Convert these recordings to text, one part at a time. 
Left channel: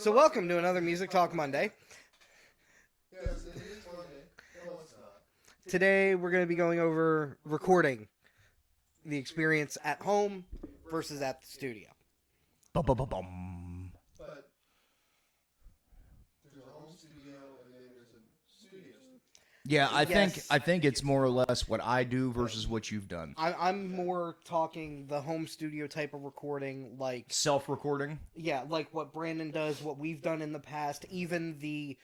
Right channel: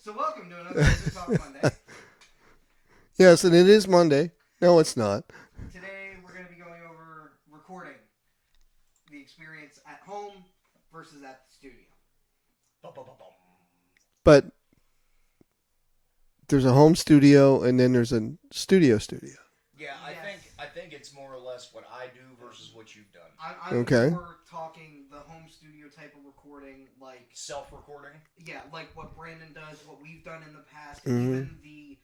So welcome to another Music Talk Monday. Yes, and it is Monday. No, it's not. Today we're going to be going over recording the experience at home versus at the studio. Bum. But there's a home studio and then there's a studio. Yeah, Yes. I think it's more or less what I do versus what you've done. I'm Okay. more talking the home studio type of recording, like Self-recording. like what Brandon does, what we've done in the past, Mhm.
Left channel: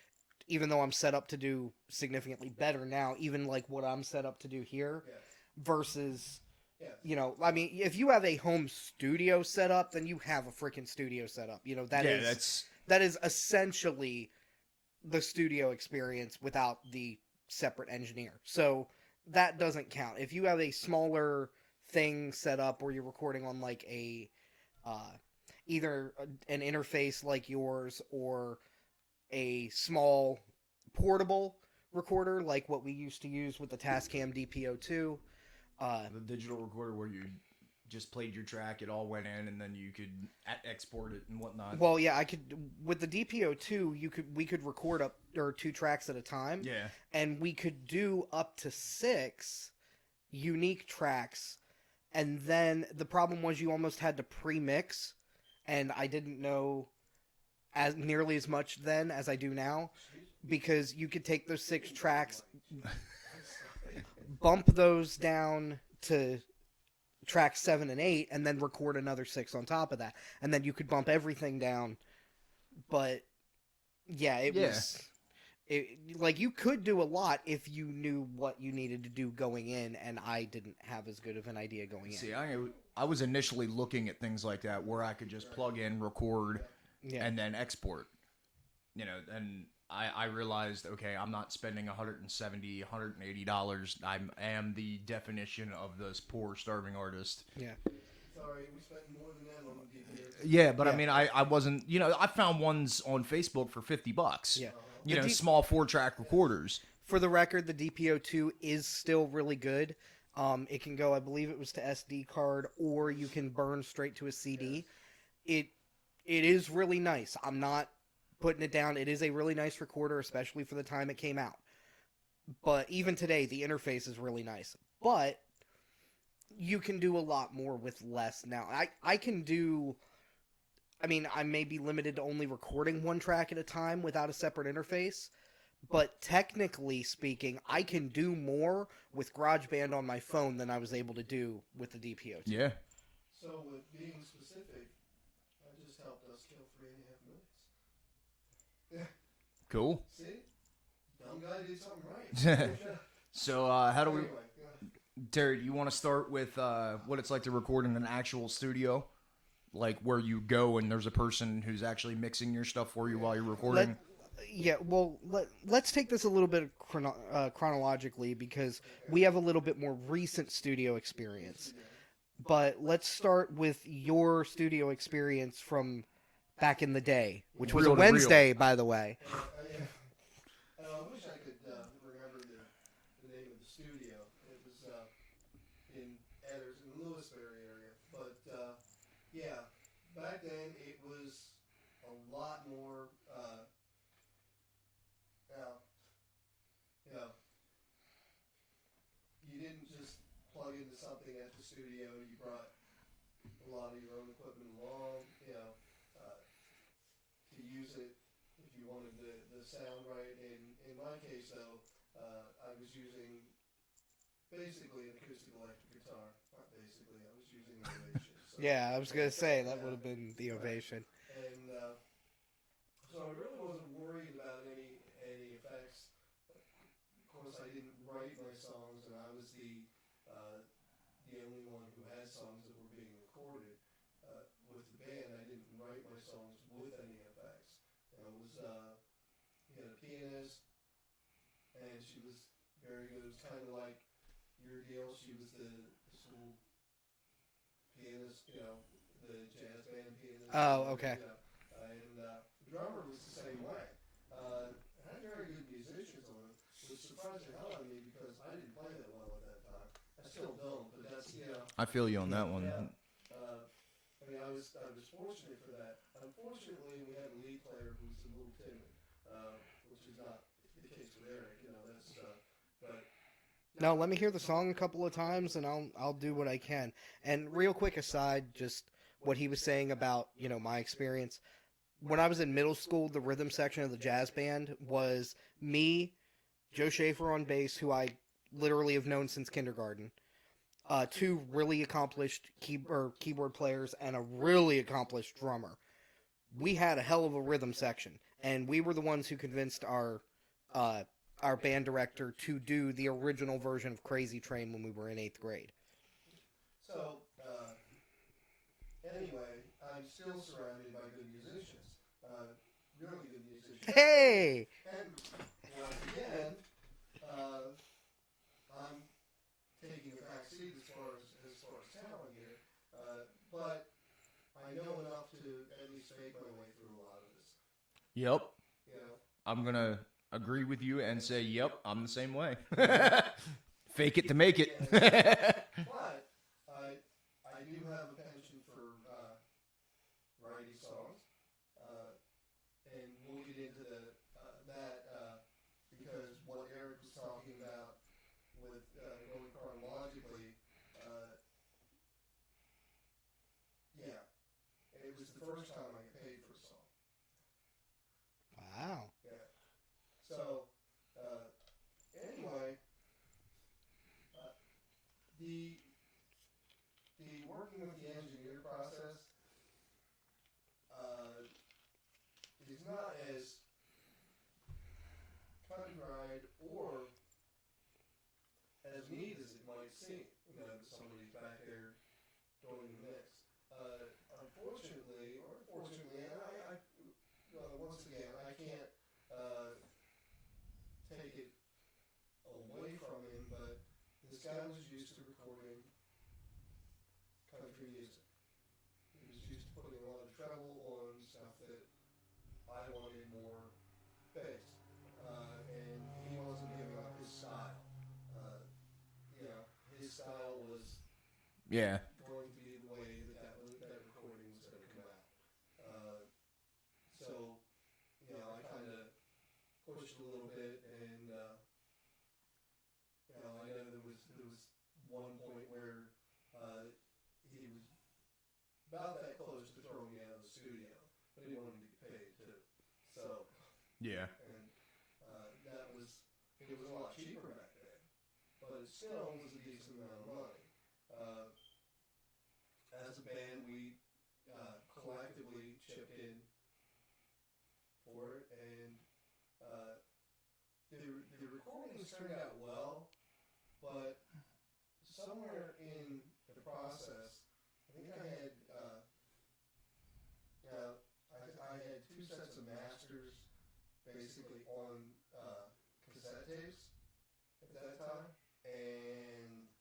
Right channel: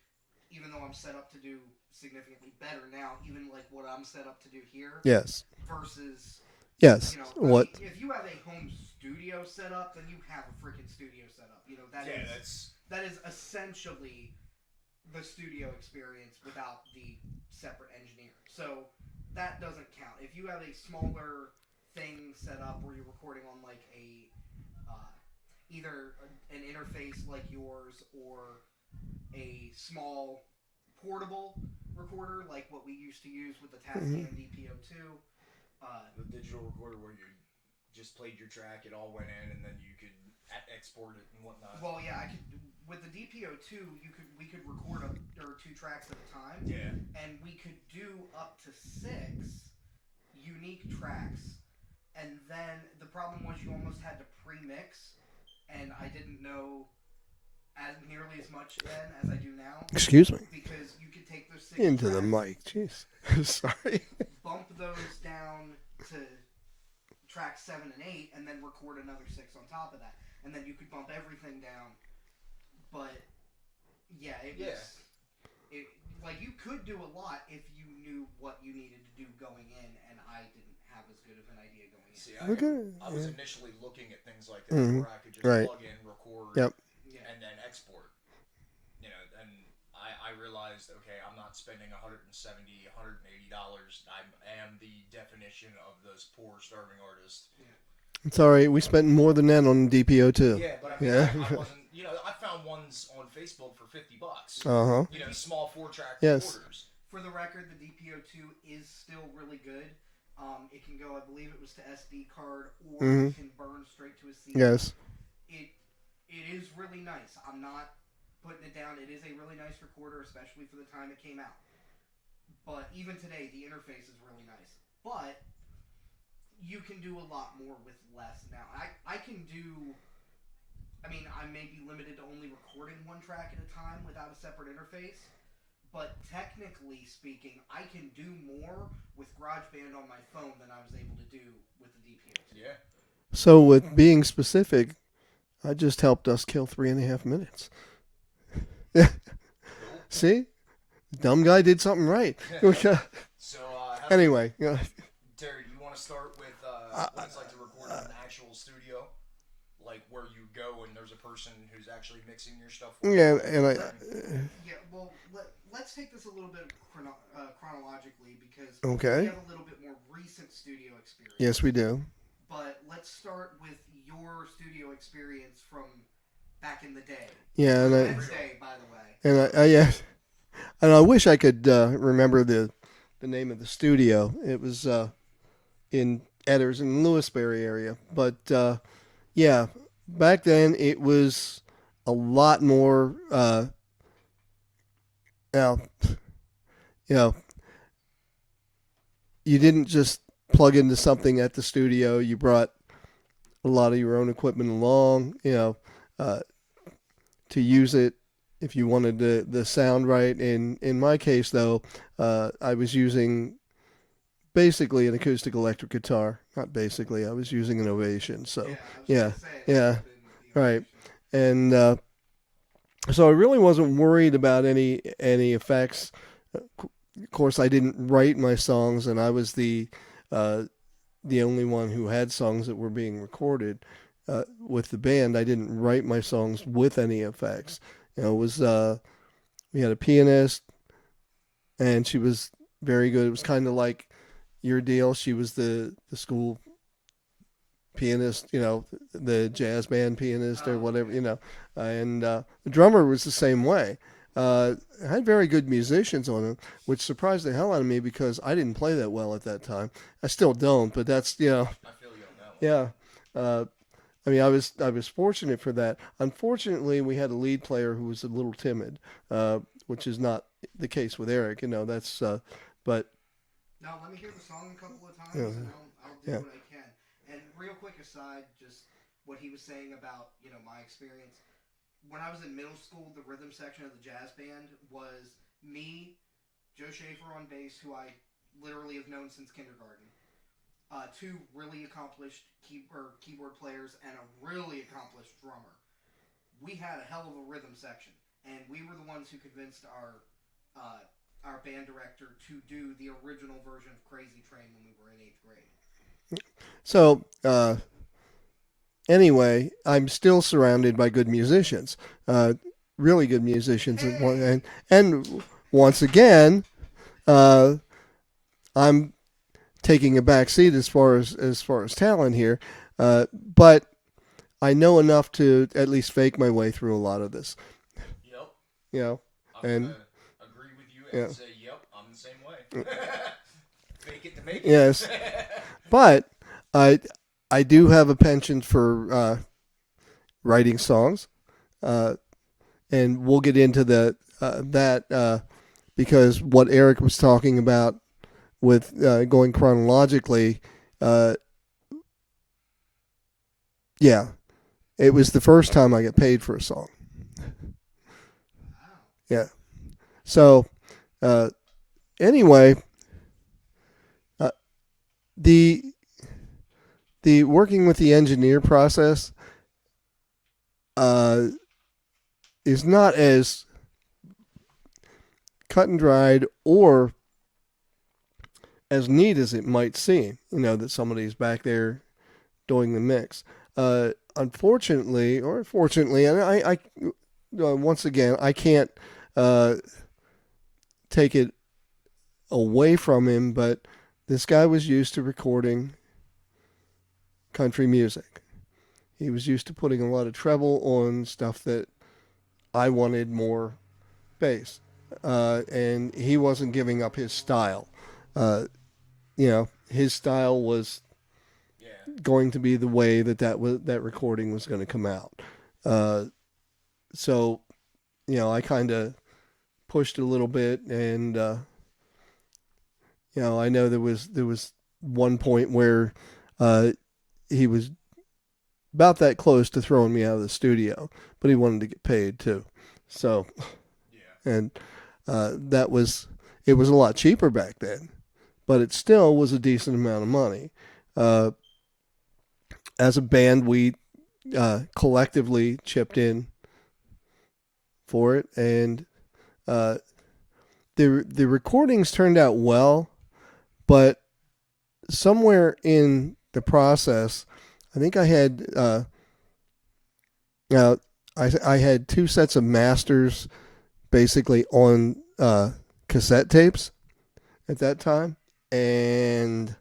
even though I'm set up to do significantly better now, even like what I'm set up to do here Yes. versus Yes. I What? mean, if you have a home studio set up, then you have a freaking studio set up. That is essentially the studio experience without the separate engineer. So that doesn't count. If you have a smaller thing set up where you're recording on like a either an interface like yours or a small portable recorder like what we used to use with the Tascam DPO2. The digital recorder where you just played your track, it all went in, and then you could export it and whatnot. Well, yeah, I could with the DPO2. We could record up or 2 tracks at a time. Yeah. And we could do up to 6 unique tracks. And then the problem was you almost had to pre-mix, and I didn't know as nearly as much then as I do now. Excuse me. Because you could take those 6 Into tracks, the mic. Jeez. Sorry. bump those down to track 7 and 8, and then record another 6 on top of that, and then you could bump everything down. But yeah, was like you could do a lot if you knew what you needed to do going in, and I didn't have as good of an idea going in. See, Okay. I was initially looking at things like that where I could just Right. plug in, record, Yep. Yeah. and then export. You know, and I realized, okay, I'm not spending $170, $180. I am the definition of this poor, starving artist. Yeah. It's all right. We spent more than that on DPO too. Yeah, but I mean, Yeah. I wasn't, I found ones on Facebook for $50. Yeah. Uh-huh. You know, small 4-track Yes. recorders. For the record, the DPO2 is still really good. It can go, I believe it was to SD card, or you can burn straight to a CD. Yes. It is really nice. I'm not putting it down. It is a really nice recorder, especially for the time it came out. But even today, the interface is really nice. But you can do a lot more with less now. I can do... I mean, I may be limited to only recording 1 track at a time without a separate interface. But technically speaking, I can do more with GarageBand on my phone than I was able to do with the DPO. Yeah. So with being specific, I just helped us kill 3.5 minutes. Cool. See? The dumb guy did something right. So, how do we... Anyway. Terry, you want to start with what it's like to record in an actual studio? Like where you go and there's a person who's actually mixing your stuff for you. Yeah, while you're and recording? Yeah, well, let's take this a little bit chronologically because Okay. we have a little bit more recent studio experience. Yes, we do. But let's start with your studio experience from back in the day. Yeah. It was a and I- Wednesday, by the way. And yeah, and I wish I could remember the name of the studio. It was in Edders in Lewisberry area, but yeah, back then it was a lot more. Now, you know, you didn't just plug into something at the studio. You brought a lot of your own equipment along. To use it if you wanted the sound right. In my case, though, I was using basically an acoustic electric guitar. Not basically, I was using an Ovation. So Yeah, I was yeah, going to say that yeah, would have been the right. Ovation. and so I really wasn't worried about any effects. Of course, I didn't write my songs, and I was the only one who had songs that were being recorded with the band. I didn't write my songs with any effects. It was we had a pianist, and she was very good. It was kind of like your deal. She was the school pianist, the jazz band pianist or whatever, okay. And the drummer was the same way. I had very good musicians on it, which surprised the hell out of me because I didn't play that well at that time. I still don't, but that's, I feel you on that one. yeah. I mean, I was fortunate for that. Unfortunately, we had a lead player who was a little timid, which is not the case with Eric. That's but No, let me hear the song a couple of you times, and know, I'll do yeah. what I can. And real quick aside, just what he was saying about my experience when I was in middle school. The rhythm section of the jazz band was me, Joe Schaefer on bass, who I literally have known since kindergarten. Two really accomplished keyboard players and a really accomplished drummer. We had a hell of a rhythm section, and we were the ones who convinced uh, our band director to do the original version of Crazy Train when we were in 8th grade. So anyway, I'm still surrounded by good musicians, really good musicians, Hey, and once again, uh, I'm taking a back seat as far as talent here, but I know enough to at least fake my way through a lot of this. Yep. You know, I'm and gonna agree with you and yeah, say, yep, I'm the same way. Fake it to make it. yes, but I I do have a penchant for writing songs, uh, and we'll get into that because what Eric was talking about with going chronologically, uh, yeah, it was the first time I got paid for a song. wow. Yeah. So, uh, anyway, uh, the the working with the engineer process uh, is not as cut and dried or as neat as it might seem. That somebody's back there doing the mix. Unfortunately, or fortunately, and once again, I can't uh, take it away from him, but this guy was used to recording country music. He was used to putting a lot of treble on stuff that I wanted more bass, and he wasn't giving up his style. His style was Yeah. going to be the way that recording was going to come out. Uh, so, I kind of pushed a little bit, and I know there was one point where he was about that close to throwing me out of the studio, but he wanted to get paid too. So, Yeah. and it was a lot cheaper back then, but it still was a decent amount of money. Uh, as a band, we collectively chipped in for it, and uh, the recordings turned out well, but somewhere in the process, I think I had now I had two sets of masters basically on cassette tapes at that time, and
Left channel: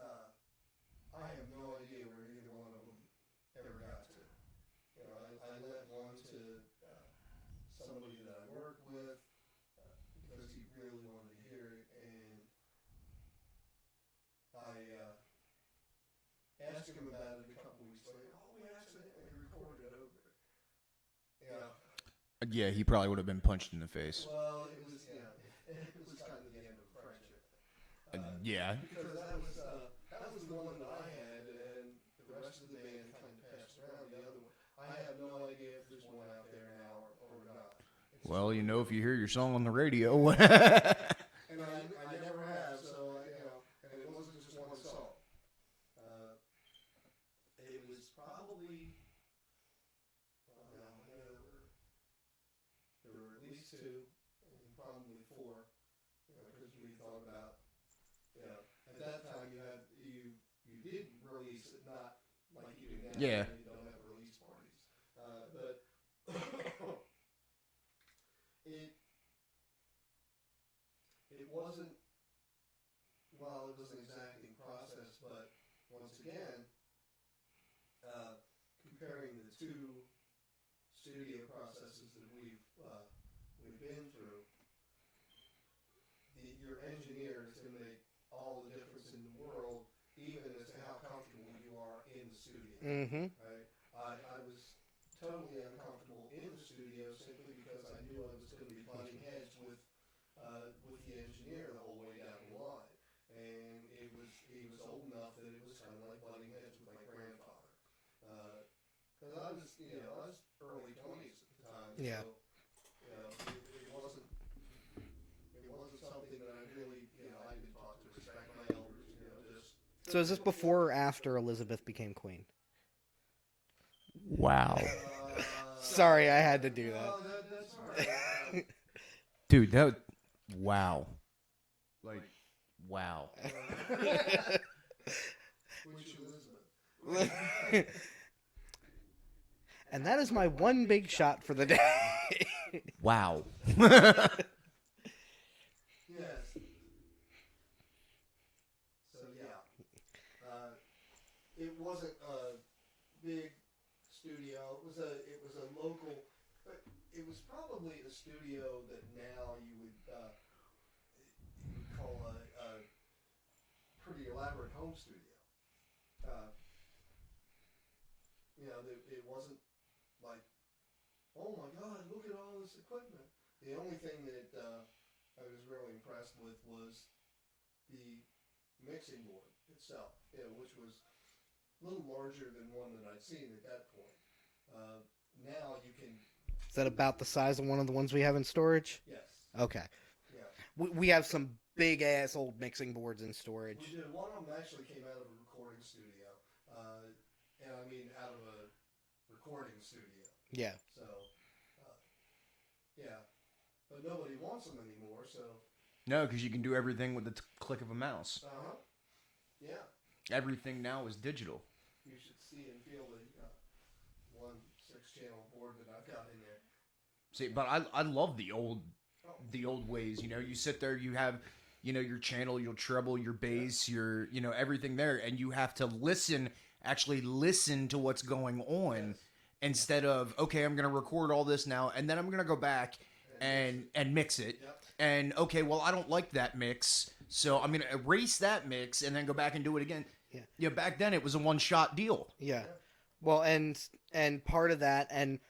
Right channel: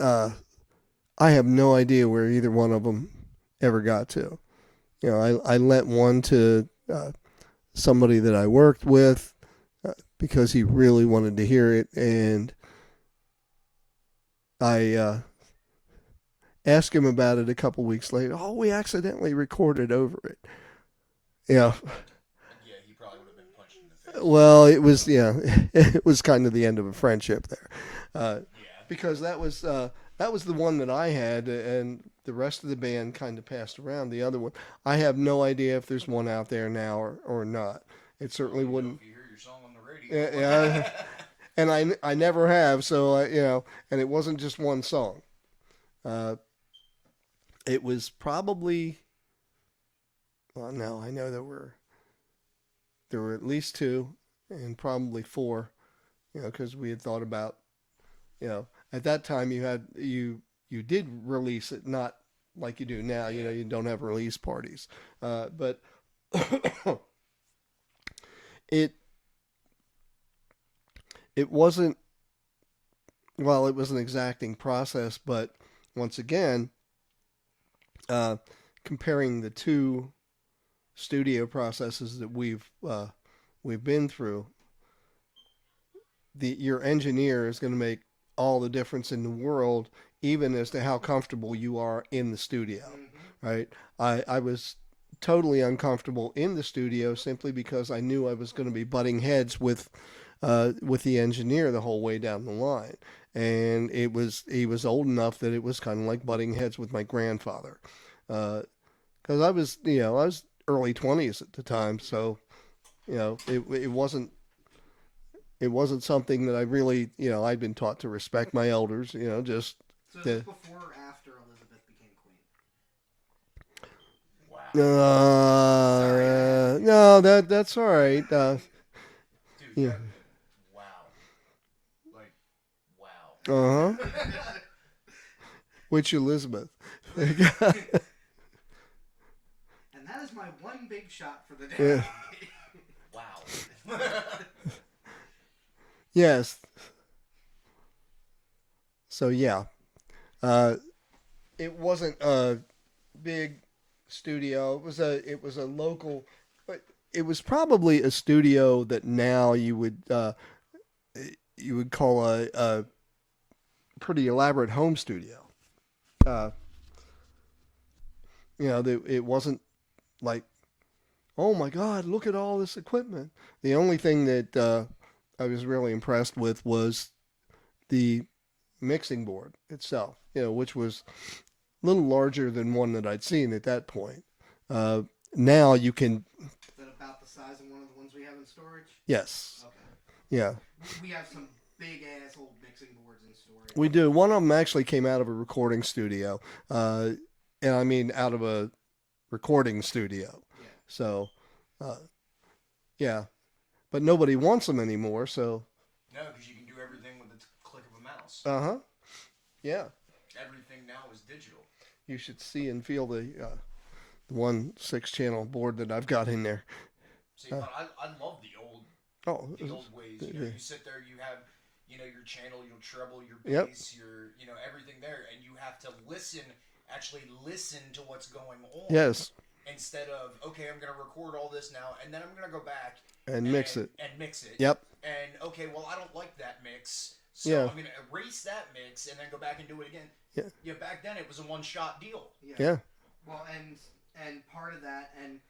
I have no idea where either one of them ever got to. I lent one to somebody that I worked with because he really wanted to hear it, and I asked him about it a couple weeks later. Oh, we accidentally recorded over it. Yeah. Yeah, he probably would have been punched in the face. Well, it was kind of the end of a friendship there. Yeah. Because that was the one that I had, and the rest of the band kind of passed around the other one. I have no idea if there's one out there now or not. It Well, certainly wouldn't. if you hear your song on the radio. Yeah, and I never have. So and it wasn't just one song. It was probably. Well, no, I know there were at least two, and probably four. Because we had thought about, at that time you did release it, not like you do now. Yeah. You don't have release parties, but it it wasn't. Well, it was an exacting process, but once again, comparing the two studio processes that we've been through, your engineer is going to make all the difference in the world even as to how comfortable you are in the studio, Mm-hmm. right? I was totally uncomfortable in the studio simply because I knew I was going to be butting heads with the engineer the whole way down the line. And he was old enough that it was kind of like butting heads with my grandfather, because I was early 20s at the time, Yeah. so it wasn't something that I really, I'd been taught to respect my elders, just So is to, this before or after Elizabeth became queen? Wow. Sorry, I had to do no, that's all right. Dude, that. Wow. Like, wow. Uh huh. Which Elizabeth? And that is my one big shot for the day. Wow. Yes. So yeah, it wasn't a big studio. It was a local, but it was probably a studio that now you would call a pretty elaborate home studio. Uh, it wasn't like, oh my God, look at all this equipment. The only thing that I was really impressed with was the mixing board itself, which was a little larger than one that I'd seen at that point. Uh, Now you can, Is that about the size of one of the ones we have in storage? yes, Okay. yeah, We have some big ass old mixing boards in storage. we do. One of them actually came out of a recording studio, and I mean out of a recording studio. Yeah. So, yeah, but nobody wants them anymore. So, No, because you can do everything with the click of a mouse. yeah. Everything now is digital. You should see and feel the 1 6-channel board that I've got in there. See, but I love the old ways. You sit there, you have your channel, your treble, your bass, your everything there, and you have to actually listen to what's going on. Yes. Instead of, okay, I'm going to record all this now, and then I'm going to go back And mix it. And mix it. Yep. And, okay, well, I don't like that mix, so Yeah. I'm going to erase that mix and then go back and do it again. Yeah. Back then it was a one-shot deal. Yeah. Well, and part of that, and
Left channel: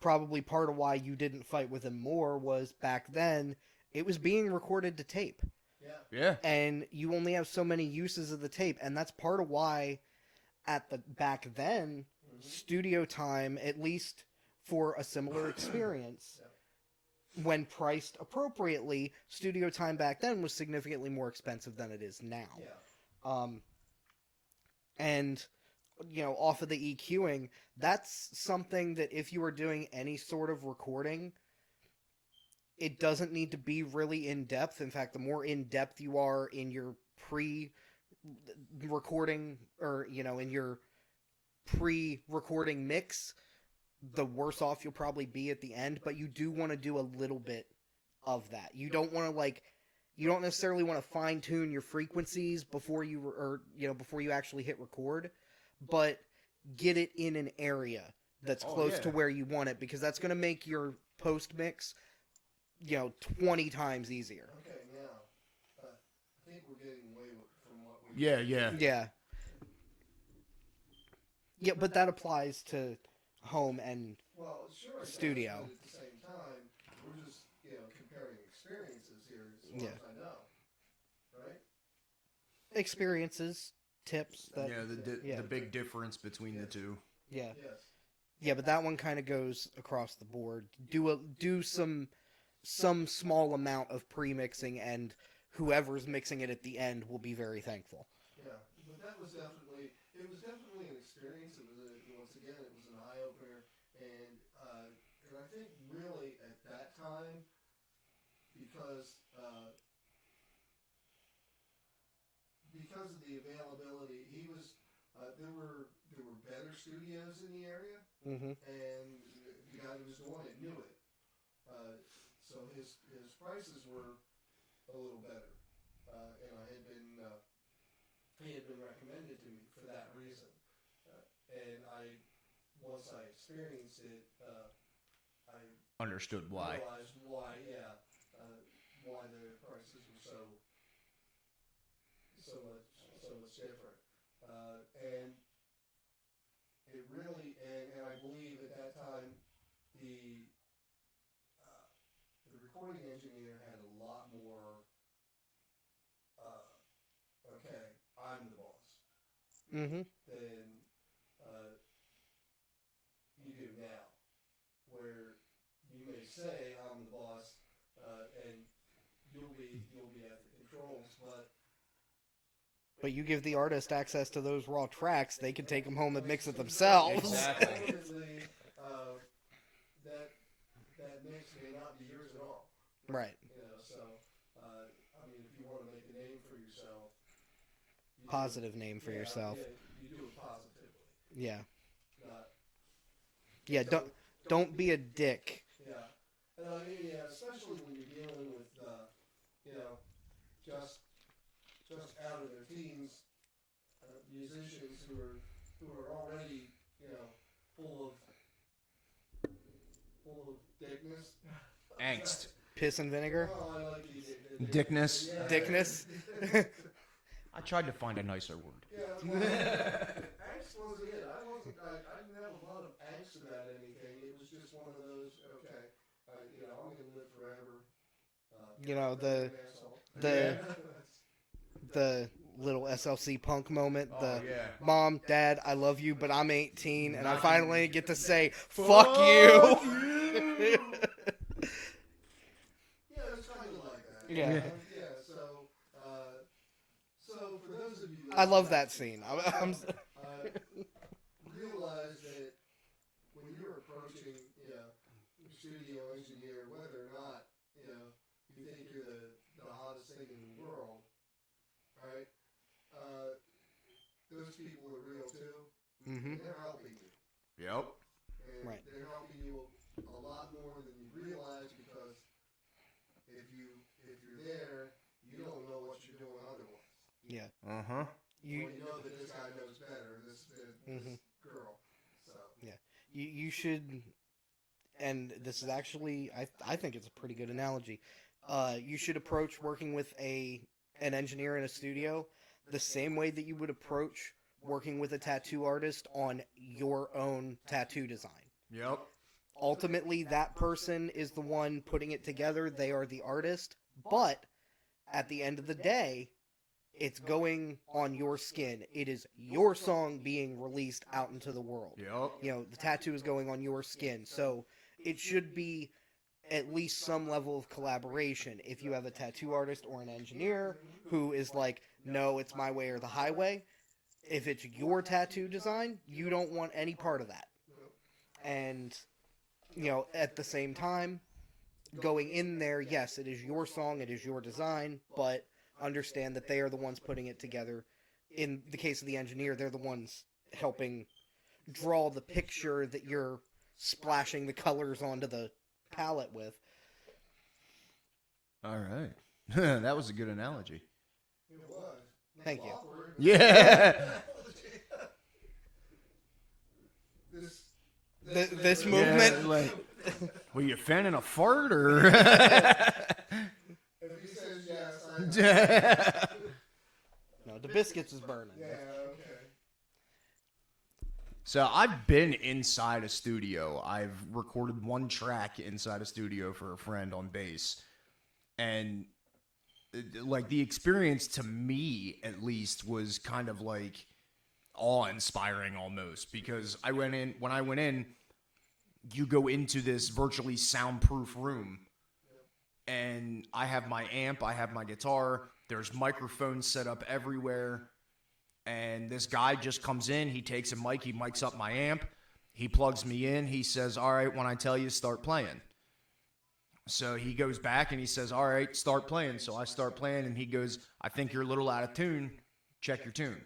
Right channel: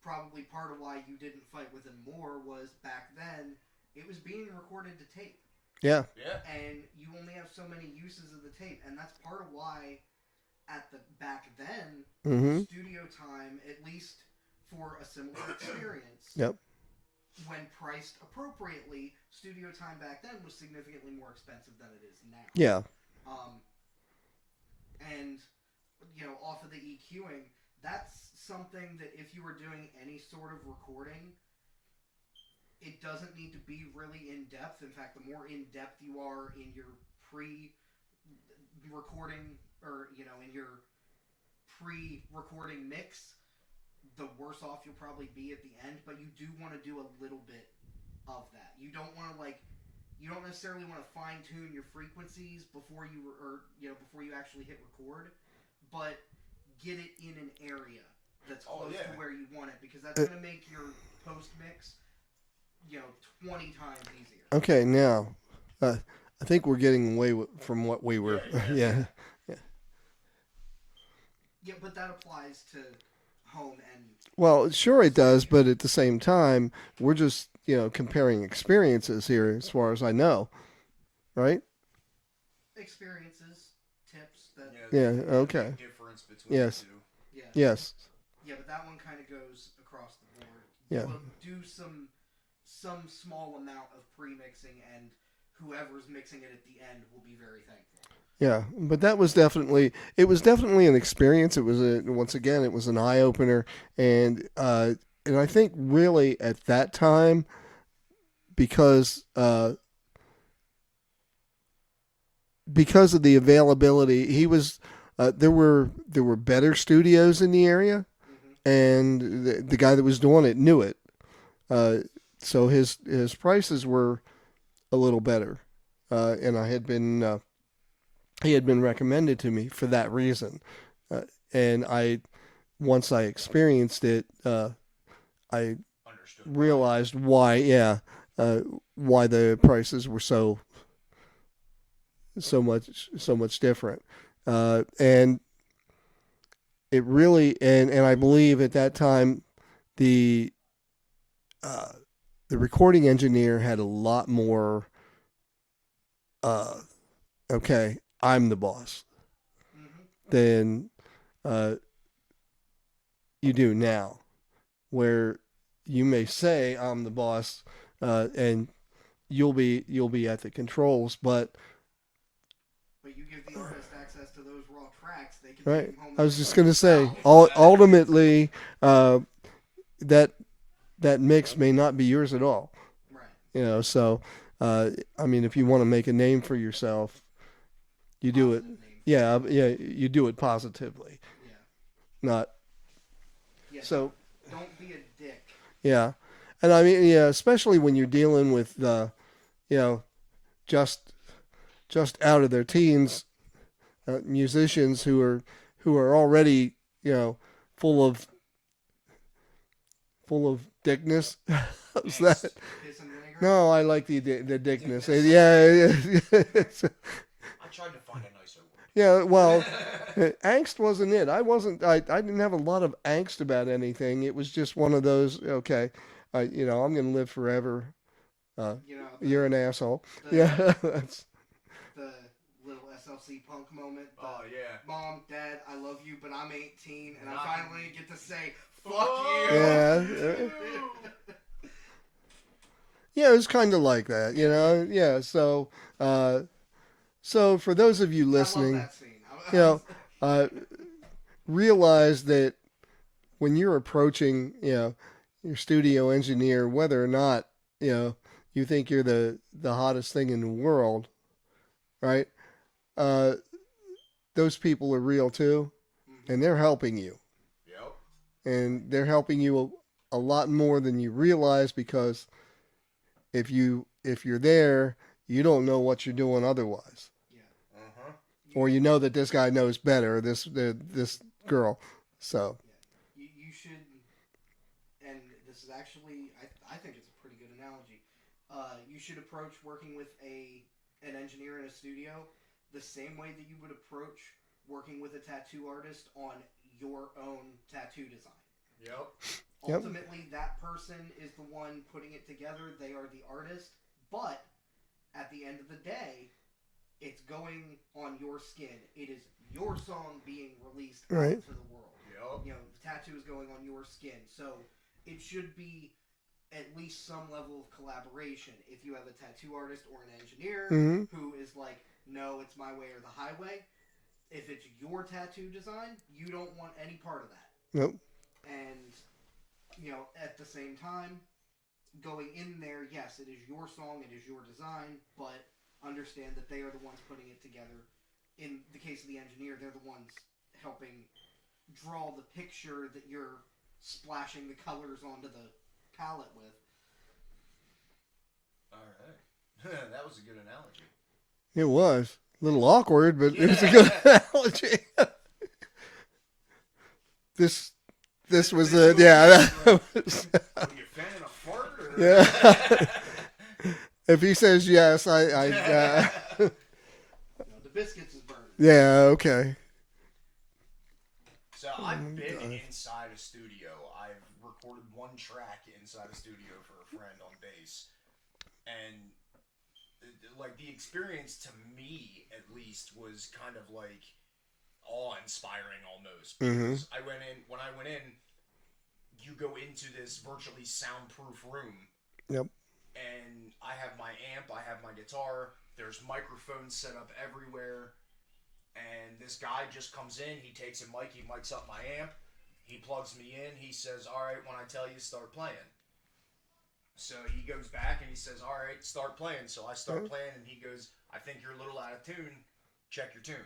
probably part of why you didn't fight with him more, was back then it was being recorded to tape. Yeah. Yeah. And you only have so many uses of the tape, and that's part of why back then studio time, at least for a similar experience, Yep. when priced appropriately, studio time back then was significantly more expensive than it is now. Yeah. And off of the EQing, that's something that if you are doing any sort of recording, it doesn't need to be really in depth. In fact, the more in depth you are in your pre-recording or in your pre-recording mix, the worse off you'll probably be at the end. But you do want to do a little bit of that. You don't want to you don't necessarily want to fine tune your frequencies before you actually hit record, but get it in an area that's close to where you want it, because that's going to make your post mix 20 times easier. Okay, now I think we're getting away from what we were. Yeah, but that applies to home and Well, sure it does, studio. but at the same time, we're just comparing experiences here, as far as I know, right? experiences, tips. Yeah, okay. The difference between Yes. the two. Yeah. Yes. Yeah, but that one kind of goes across the board. Yeah. Do some small amount of pre-mixing, and whoever's mixing it at the end will be very thankful. Yeah, but that was definitely an experience. It was once again it was an eye opener, and I think really at that time, because of the availability, there were better studios in the area, and the guy that was doing it knew it, so his prices were a little better, and he had been recommended to me for that reason, and once I experienced it, I Understood. realized why the prices were so so much different. And it really, and I believe at that time, the recording engineer had a lot more. Okay, I'm the boss. Than you do now, where you may say I'm the boss, and you'll be at the controls, but you give the artist access to those raw tracks, they can take them home. And I was just going to say, themselves. ultimately, that mix may not be yours at all. Right. So I mean, if you want to make a name for yourself, you Positive do it. Name for yourself. You do it positively. Yeah. Not. Yeah. So don't be a dick. Yeah, and I mean, especially when you're dealing with just out of their teens musicians who are already full of dickness. What's that? Piss and vinegar? No, I like the dickness. Dickness. Yeah. I tried to find a nicer word. Yeah, well, angst wasn't it. I didn't have a lot of angst about anything. It was just one of those, okay, I'm going to live forever. You're an asshole. The little SLC Punk moment. Mom, Dad, I love you, but I'm 18, and I finally get to say, fuck you. Yeah. Yeah, it was kind of like that, Yeah, so for those of you listening, I love that scene. Realize that when you're approaching, your studio engineer, whether or not, you think you're the hottest thing in the world, right? Those people are real too, and they're helping you. Yep. And they're helping you a lot more than you realize, because if you're there, you don't know what you're doing otherwise. Yeah. Or that this guy knows better, this girl. So yeah, you should, and this is actually I think it's a pretty good analogy. You should approach working with an engineer in a studio the same way that you would approach working with a tattoo artist on your own tattoo design. Yep. Ultimately, that person is the one putting it together. They are the artist, but at the end of the day, it's going on your skin. It is your song being released out into the world. Yep. The tattoo is going on your skin. So it should be at least some level of collaboration. If you have a tattoo artist or an engineer who is like, no, it's my way or the highway, if it's your tattoo design, you don't want any part of that. Nope. And, at the same time, going in there, yes, it is your song, it is your design, but understand that they are the ones putting it together. In the case of the engineer, they're the ones helping draw the picture that you're splashing the colors onto the palette with. All right. That was a good analogy. It was a little awkward, but it's a good analogy. This was Were you fanning a fart or? If he says yes, I No, the biscuits is burning. Yeah, okay. So I've been inside a studio. I've recorded one track inside a studio for a friend on bass, and like the experience to me at least was kind of like awe-inspiring almost, because when I went in, you go into this virtually soundproof room. Yep. And I have my amp, I have my guitar, there's microphones set up everywhere, and this guy just comes in, he takes a mic, he mics up my amp, he plugs me in, he says, all right, when I tell you, start playing. So he goes back and he says, all right, start playing. So I start playing, and he goes, I think you're a little out of tune, check your tune.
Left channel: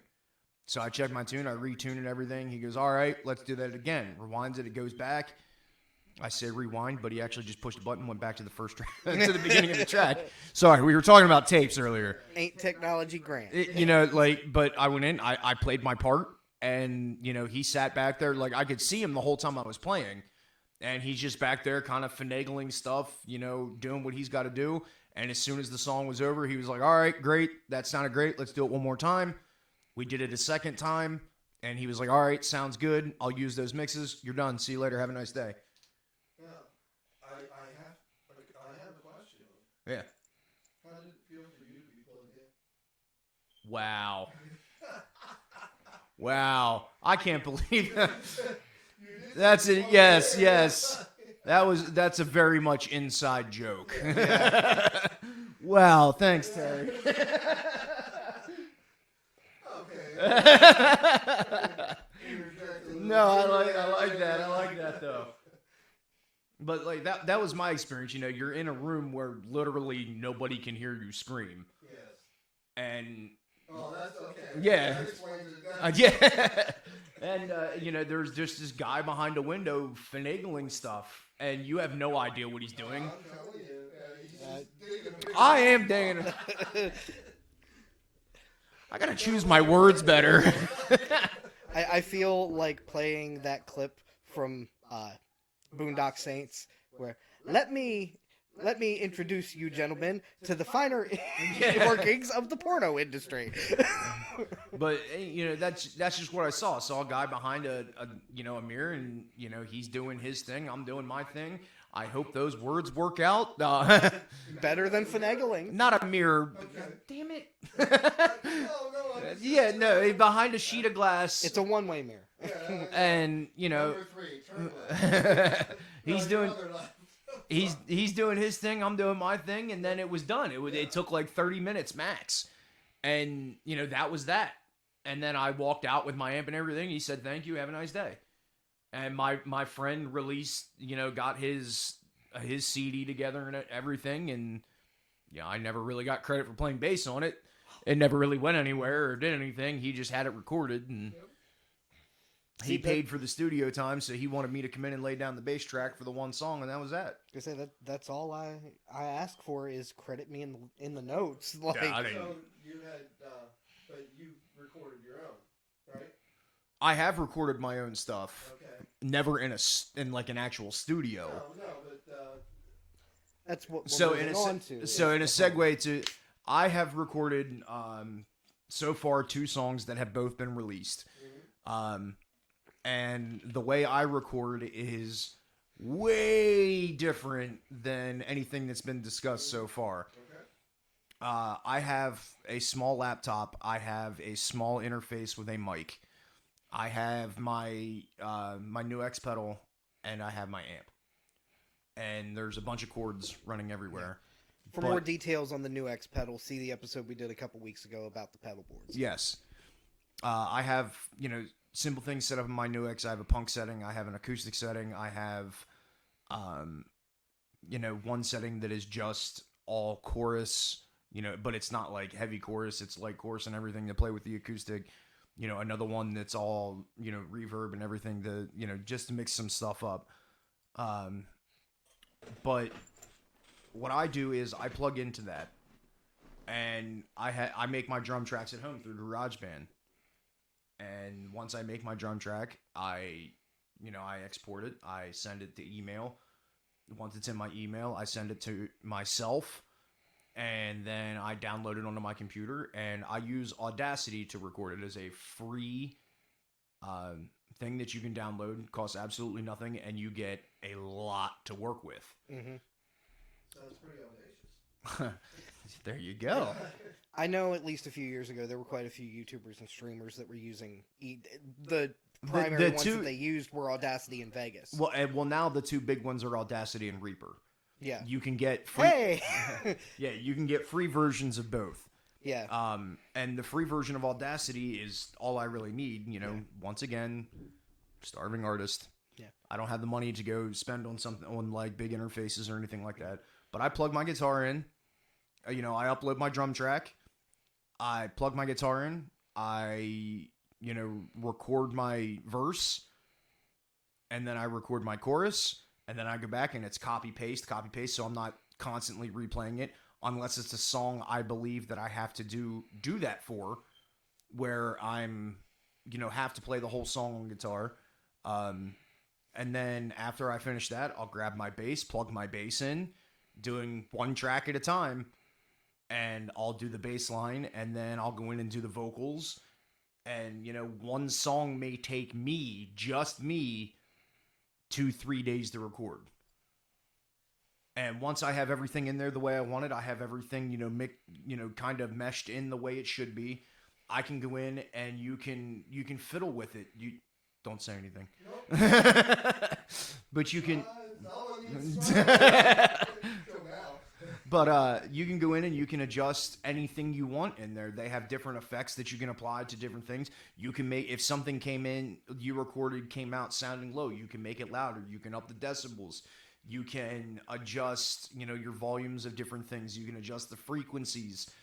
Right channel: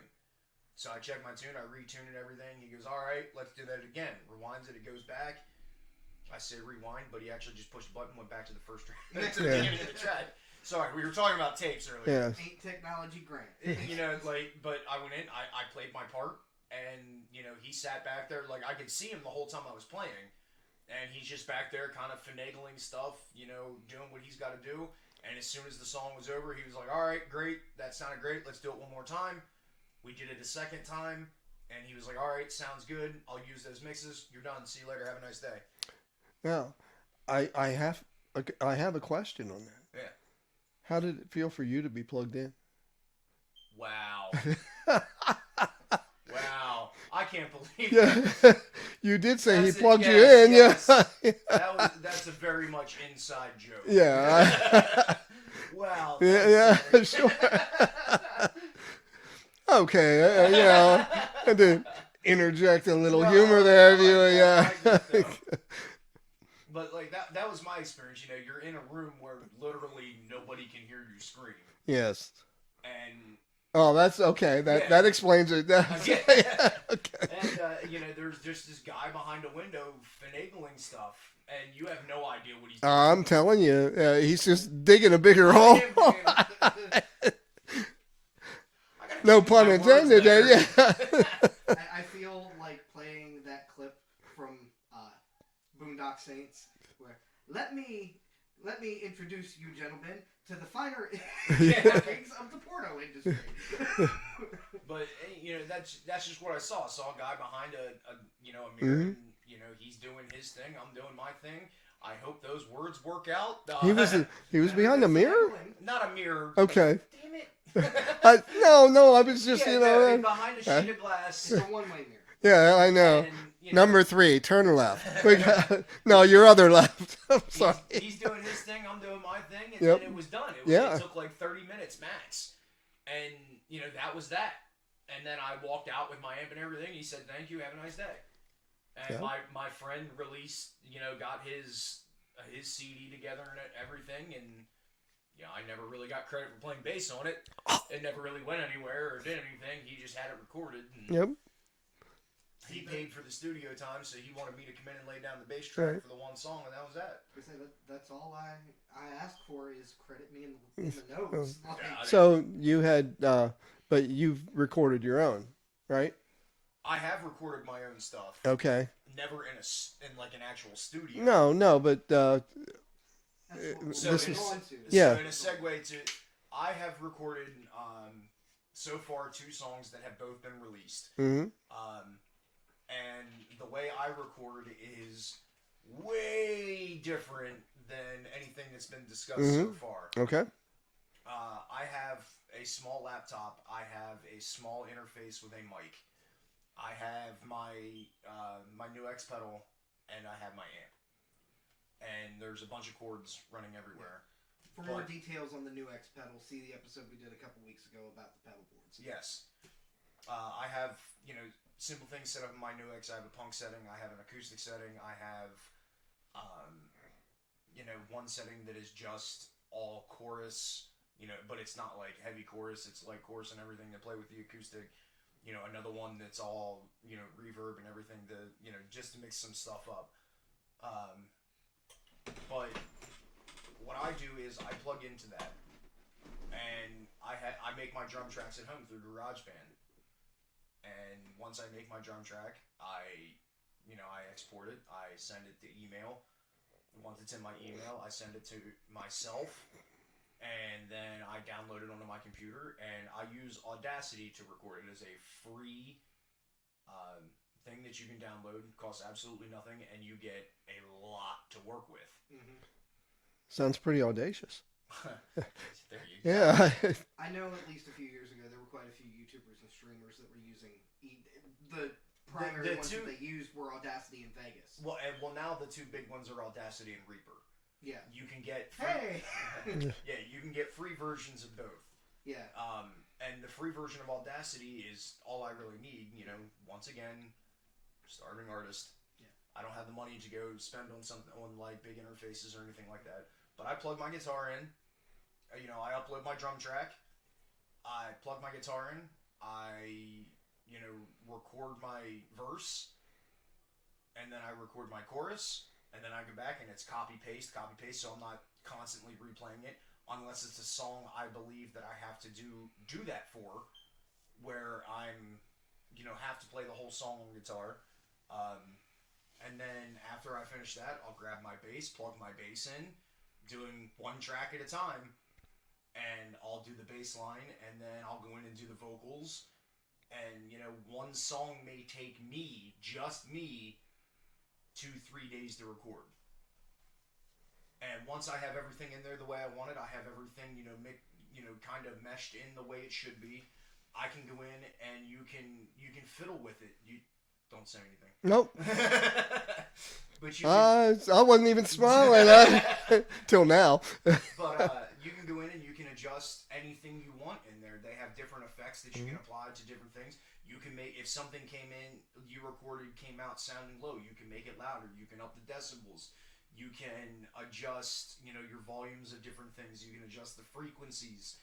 So I check my tune, I retune and everything, he goes, all right, let's do that again. Rewinds it, it goes back. I said rewind, but he actually just pushed a button and went back to the first track, to the beginning of the track. Sorry, we were talking about tapes earlier. Yeah. Ain't technology grand. But I went in, I played my part, and, he sat back there, like, I could see him the whole time I was playing, and he's just back there kind of finagling stuff, doing what he's got to do, And as soon as the song was over, he was like, all right, great. That sounded great. Let's do it one more time. We did it a second time. And he was like, all right, sounds good. I'll use those mixes. You're done. See you later. Have a nice day. Now, I have a question on that. Yeah. How did it feel for you to be plugged in? Wow. Wow. I can't believe that. You did say he plugged you in. Yes. Yeah. That's a very much inside joke. Yeah. Wow. Thanks. Yeah. Sure. Okay. I had to interject a little humor there. Yeah. But like that was my experience. You know, you're in a room where literally nobody can hear you scream. Yes. And oh, that's okay. Yeah. That explains it. Yeah. Okay. And you know, there's just this guy behind a window finagling stuff, and you have no idea what he's doing. I'm telling you, he's just digging a bigger I hole. am digging. I gotta choose my pun words intended, better. yeah. I feel like playing that clip from Boondock Saints, where let me introduce you gentlemen to the finer workings of the porno industry. But you know, that's just what I saw. I saw a guy behind a mirror, and you know, he's doing his thing. I'm doing my thing. I hope those words work out. He was behind a mirror? finagling. Not a mirror. Okay. Damn it. No, I was just, behind a sheet of glass. It's a one-way mirror. Yeah, I know. And, you know, Number 3, turn left. No, your other left. he's doing his thing, I'm doing my thing, and Yep. then it was done. Yeah. It took like 30 minutes max. And, you know, that was that. And then I walked out with my amp and everything. He said, thank you, have a nice day. And my friend released, you know, got his CD together and everything, and you know, I never really got credit for playing bass on it. It never really went anywhere or did anything. He just had it recorded, and Yep. he paid for the studio time, so he wanted me to come in and lay down the bass track for the one song, and that was that. I say that's all I ask for is credit me in the notes. Like, Yeah, So you had, but you've recorded your own, right? I have recorded my own stuff. Okay. Never in like an actual studio. No, but that's what So we're in moving a, on to. so in a segue to, I have recorded so far 2 songs that have both been released. And the way I record is way different than anything that's been discussed so far. okay. I have a small laptop. I have a small interface with a mic. I have my my new X pedal, and I have my amp. And there's a bunch of cords running everywhere. For more details on the new X pedal, see the episode we did a couple weeks ago about the pedal boards. Yes. I have, you know, simple things set up in my new X. I have a punk setting. I have an acoustic setting. I have, you know, one setting that is just all chorus, you know, but it's not like heavy chorus. It's light chorus and everything to play with the acoustic. You know, another one that's all, you know, reverb and everything to, you know, just to mix some stuff up. But what I do is I plug into that, and I make my drum tracks at home through GarageBand. And once I make my drum track, I export it. I send it to email. Once it's in my email, I send it to myself, and then I download it onto my computer, and I use Audacity to record it as a free thing that you can download. It costs absolutely nothing, and you get a lot to work with. Mm-hmm. Sounds pretty audacious. There you go. Yeah. I know at least a few years ago there were quite a few YouTubers and streamers that were using the primary ones that they used were Audacity and Vegas. Well, now the 2 big ones are Audacity and Reaper. Yeah. You can get free. Hey. Yeah, you can get free versions of both. Yeah. And the free version of Audacity is all I really need. You know, once again, starving artist. Yeah. I don't have the money to go spend on something on like big interfaces or anything like that. But I plug my guitar in. You know, I upload my drum track. I plug my guitar in. I, you know, record my verse. And then I record my chorus. And then I go back and it's copy paste. So I'm not constantly replaying it unless it's a song I believe that I have to do that for, where I'm, you know, have to play the whole song on guitar. And then after I finish that, I'll grab my bass, plug my bass in, doing one track at a time, and I'll do the bass line, and then I'll go in and do the vocals. And, you know, one song may take me, just me, 2-3 days to record. And once I have everything in there the way I want it, I have everything, kind of meshed in the way it should be. I can go in and you can fiddle with it. You don't say anything. Nope. But you can. I wasn't even smiling till now. But you can go in and you can adjust anything you want in there. They have different effects that you can apply to different things. You can make, if something came in, you recorded, came out sounding low, you can make it louder. You can up the decibels. You can adjust, your volumes of different things. You can adjust the frequencies.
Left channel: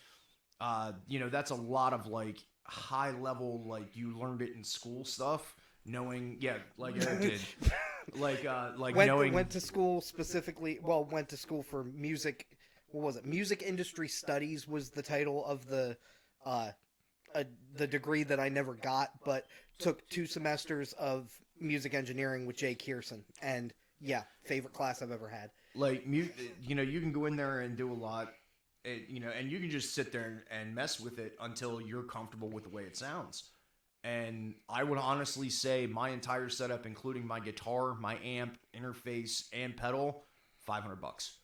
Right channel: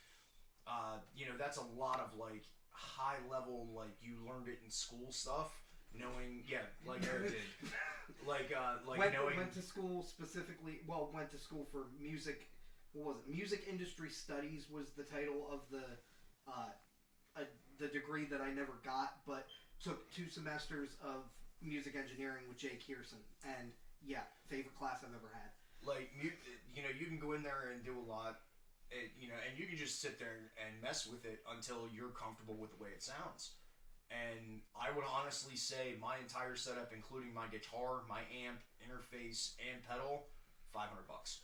That's a lot of like high level, like you learned it in school stuff. Knowing, like I did, went to school specifically. Well, went to school for music. What was it? Music industry studies was the title of the degree that I never got, but took 2 semesters of music engineering with Jay Kierson, and favorite class I've ever had. Like, you can go in there and do a lot, and you can just sit there and mess with it until you're comfortable with the way it sounds. And I would honestly say my entire setup, including my guitar, my amp, interface, and pedal, $500.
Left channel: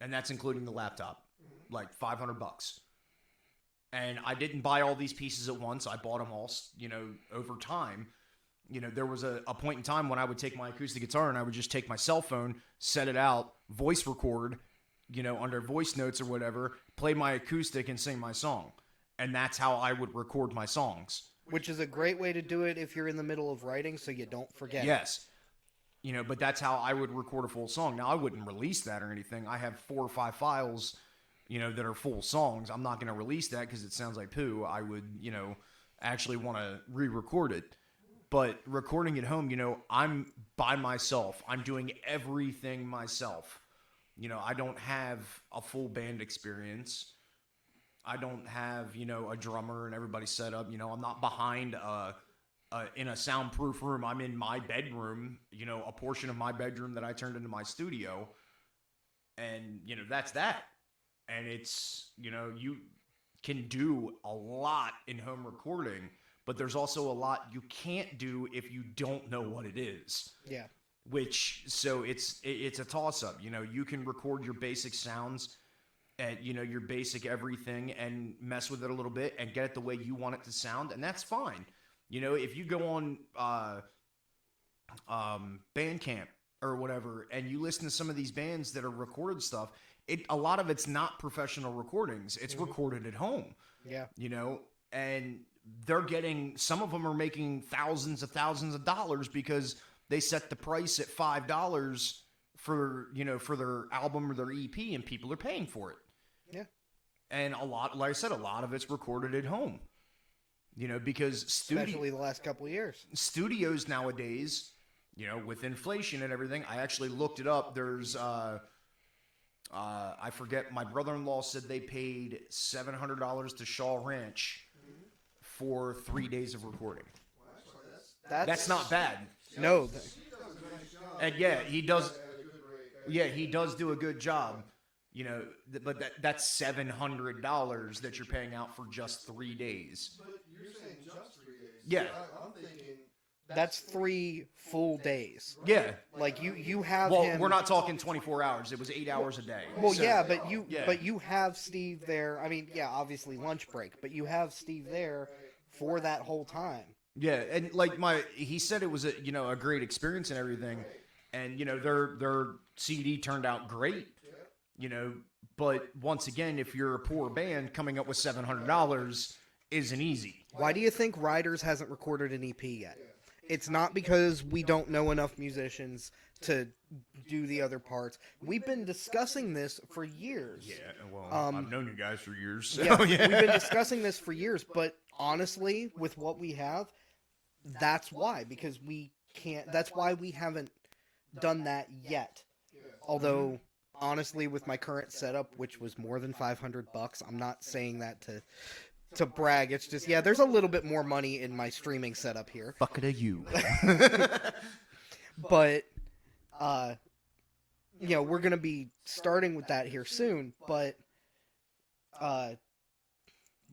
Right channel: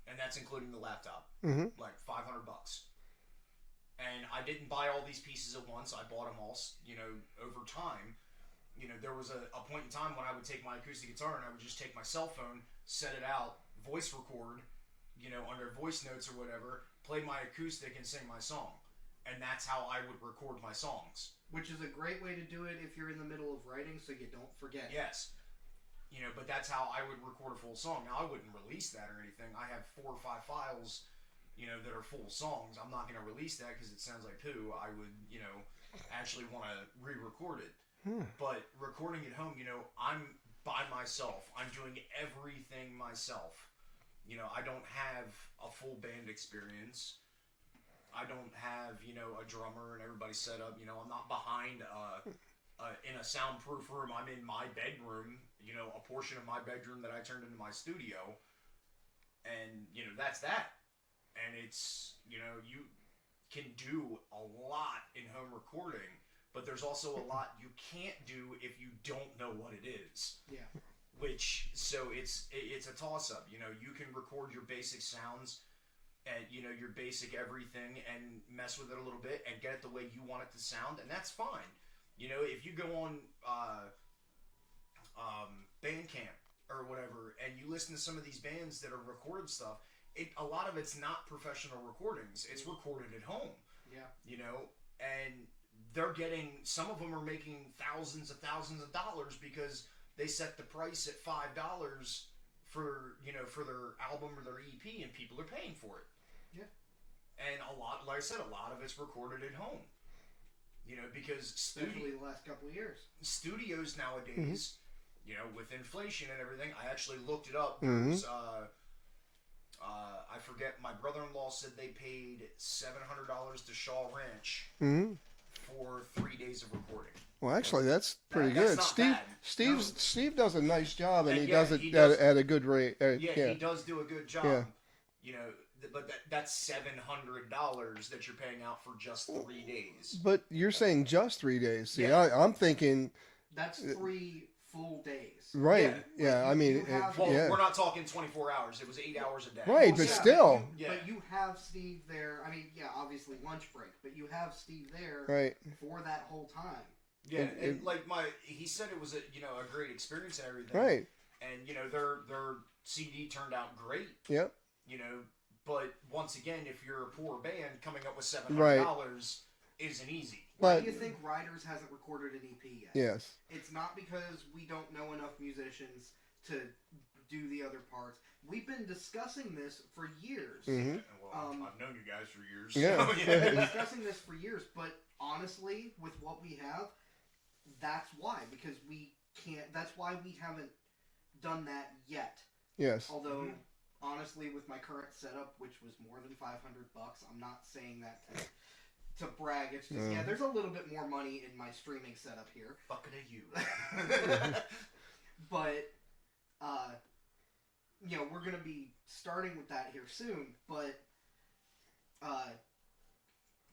And that's including the laptop. Like $500. And I didn't buy all these pieces at once. I bought them all, over time. There was a point in time when I would take my acoustic guitar and I would just take my cell phone, set it out, voice record, under voice notes or whatever, play my acoustic and sing my song. And that's how I would record my songs. Which is a great way to do it if you're in the middle of writing so you don't forget. Yes. But that's how I would record a full song. Now, I wouldn't release that or anything. I have 4 or 5 files, that are full songs. I'm not going to release that because it sounds like poo. I would, actually want to re-record it. But recording at home, I'm by myself. I'm doing everything myself. I don't have a full band experience. I don't have, a drummer and everybody set up. I'm not behind in a soundproof room. I'm in my bedroom, a portion of my bedroom that I turned into my studio. And, that's that. And it's, you can do a lot in home recording, but there's also a lot you can't do if you don't know what it is. Yeah. So it's a toss-up. You can record your basic sounds and your basic everything and mess with it a little bit and get it the way you want it to sound, and that's fine. If you go on Bandcamp or whatever and you listen to some of these bands that are recorded stuff, a lot of it's not professional recordings. It's recorded at home. Yeah. And they're getting, some of them are making thousands of dollars because they set the price at $5 for their album or their EP, and people are paying for it. Yeah. And a lot, like I said, a lot of it's recorded at home. Because especially the last couple of years, studios nowadays, with inflation and everything, I actually looked it up. There's, I forget, my brother-in-law said they paid $700 to Shaw Ranch for 3 days of recording. Well, actually, that's pretty good. Not bad. Steve does a nice job, and he he does it at a good rate. He does do a good job. Yeah. But that's $700 that you're paying out for just 3 days. But you're saying just 3 days. Yeah. See, I'm thinking that's 3 full days. Right. Like you have. Well, we're not talking 24 hours. It was 8 hours a day. Right. Well, But still. But you have Steve there. I mean, obviously lunch break, but you have Steve there for that whole time. Yeah, and like he said it was a great experience and everything. Right. And their CD turned out great. Yep. But once again, if you're a poor band, coming up with $700 isn't easy. Why do you think Riders hasn't recorded an EP yet? Yes. It's not because we don't know enough musicians to do the other parts. We've been discussing this for years. Yeah, well, I've known you guys for years. So. Yeah, we've been discussing this for years, but honestly, with what we have, that's why. Because we can't. That's why we haven't done that yet. Yes. Although, honestly, with my current setup, which was more than $500, I'm not saying that to brag. It's just there's a little bit more money in my streaming setup here. Fuck it, you. But we're going to be starting with that here soon, but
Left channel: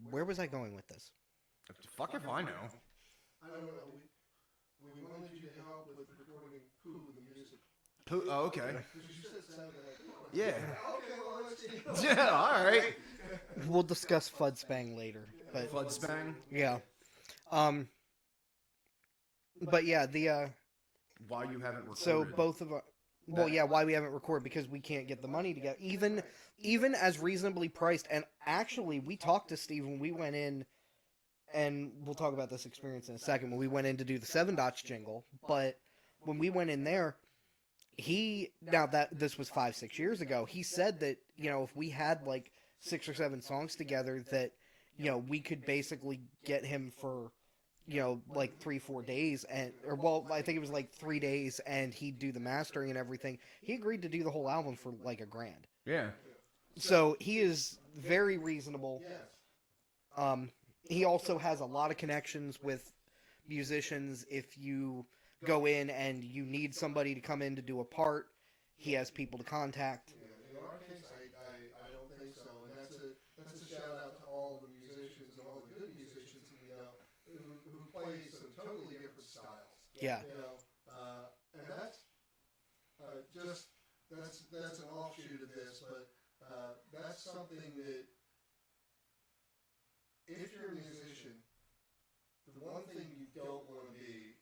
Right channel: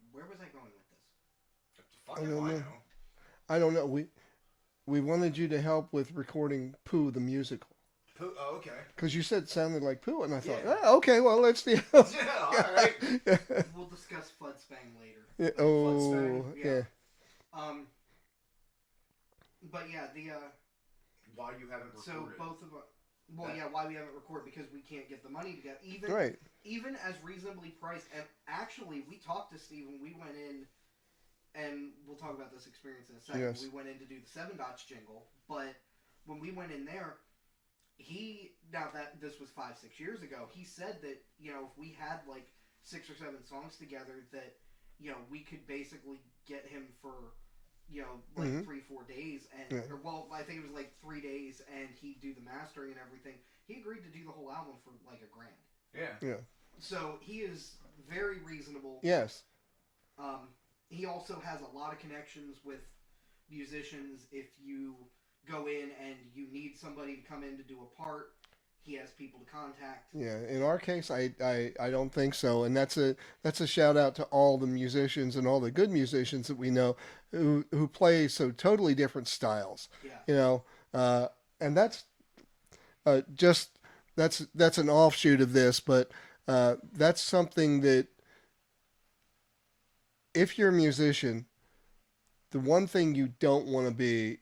where was I going with this? I don't know. We wanted you to help with recording Pooh the musical. Pooh? Oh, okay. Because you said it sounded like Pooh, and I Yeah. thought, okay, well, let's do. Yeah, all right. We'll discuss Fudspang later. Yeah, But oh, yeah. But yeah, Why you haven't recorded? so both of us. Well, yeah, why we haven't recorded, because we can't get the money together. Right. Even as reasonably priced, and actually, we talked to Steve when we went in, and we'll talk about this experience in a second. Yes. When we went in to do the Seven Dots jingle, but when we went in there, now that this was 5-6 years ago, he said that if we had like 6 or 7 songs together, that we could basically get him for like 3-4 days, and or I think it was like 3 days, and he'd do the mastering and everything. He agreed to do the whole album for like $1,000. Yeah. So he is very reasonable. Yes. He also has a lot of connections with musicians. If you go in and you need somebody to come in to do a part, he has people to contact. Yeah, in our case, I don't think so, and that's a shout out to all the musicians and all the good musicians that we know who play so totally different styles. Yeah. And that's that's an offshoot of this, but that's something that if you're a musician, the one thing you don't want to be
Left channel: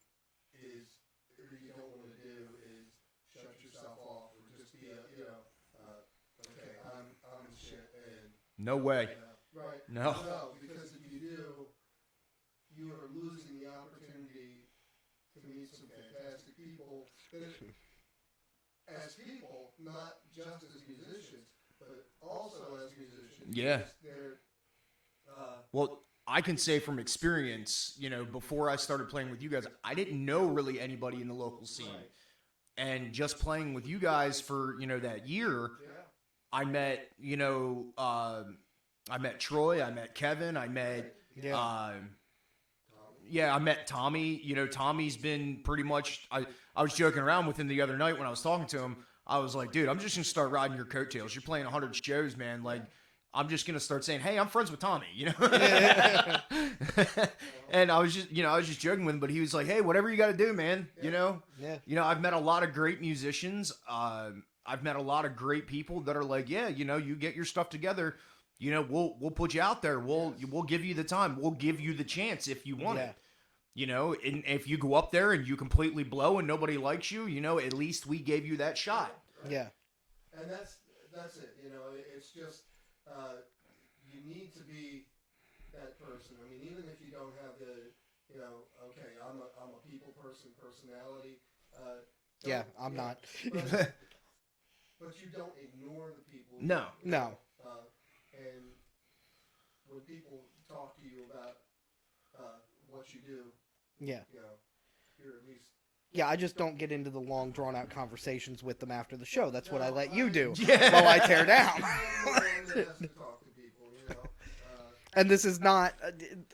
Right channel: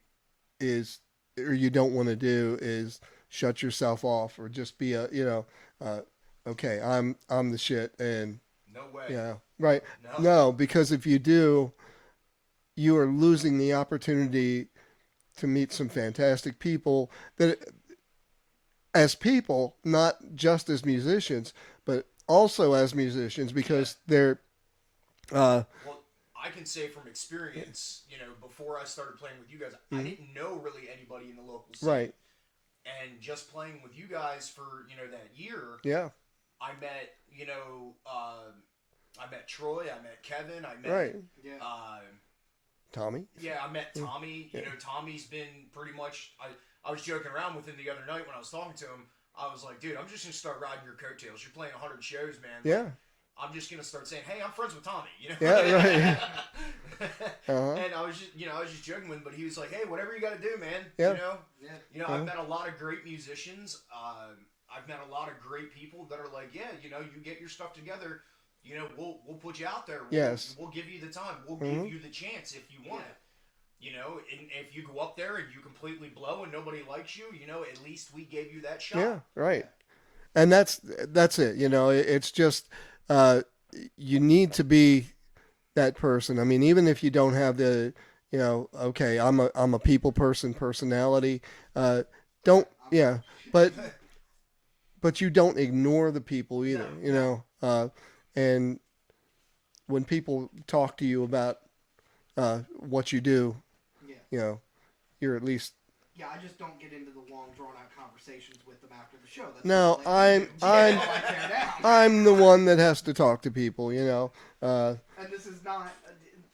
is, or you don't want to do is shut yourself off or just be okay, I'm the shit, and No way. yeah, right. No. Because if you do, you are losing the opportunity to meet some fantastic people that, as people, not just as musicians, but also as musicians, because they're. Well, I can say from experience, before I started playing with you guys, I didn't know really anybody in the local scene. Right. And just playing with you guys for, that year, Yeah. I met, I met Troy, I met Kevin, I met, Right. Tommy. Tommy. Yeah, I met Tommy. Tommy's been pretty much. I was joking around with him the other night when I was talking to him. I was like, dude, I'm just gonna start riding your coattails. You're playing 100 shows, man. Like, Yeah. I'm just gonna start saying, hey, I'm friends with Tommy. Yeah, And I was just joking with him, but he was like, hey, whatever you got to do, man. Yeah. I've met a lot of great musicians. I've met a lot of great people that are like, yeah, you get your stuff together. We'll put you out there. We'll give you the time. We'll give you the chance if you want it. And if you go up there and you completely blow and nobody likes you, at least we gave you that shot. Yeah. Right. Yeah. And that's it. It's just you need to be that person. I mean, even if you don't have the, okay, I'm a people person personality. Don't but you don't ignore the people either. No. And when people talk to you about what you do, you're at least. Yeah, I just don't get into the long, drawn-out conversations with them after the show. That's No, what I let you do. While I tear down. I'm the one that has to talk to people, And this is not...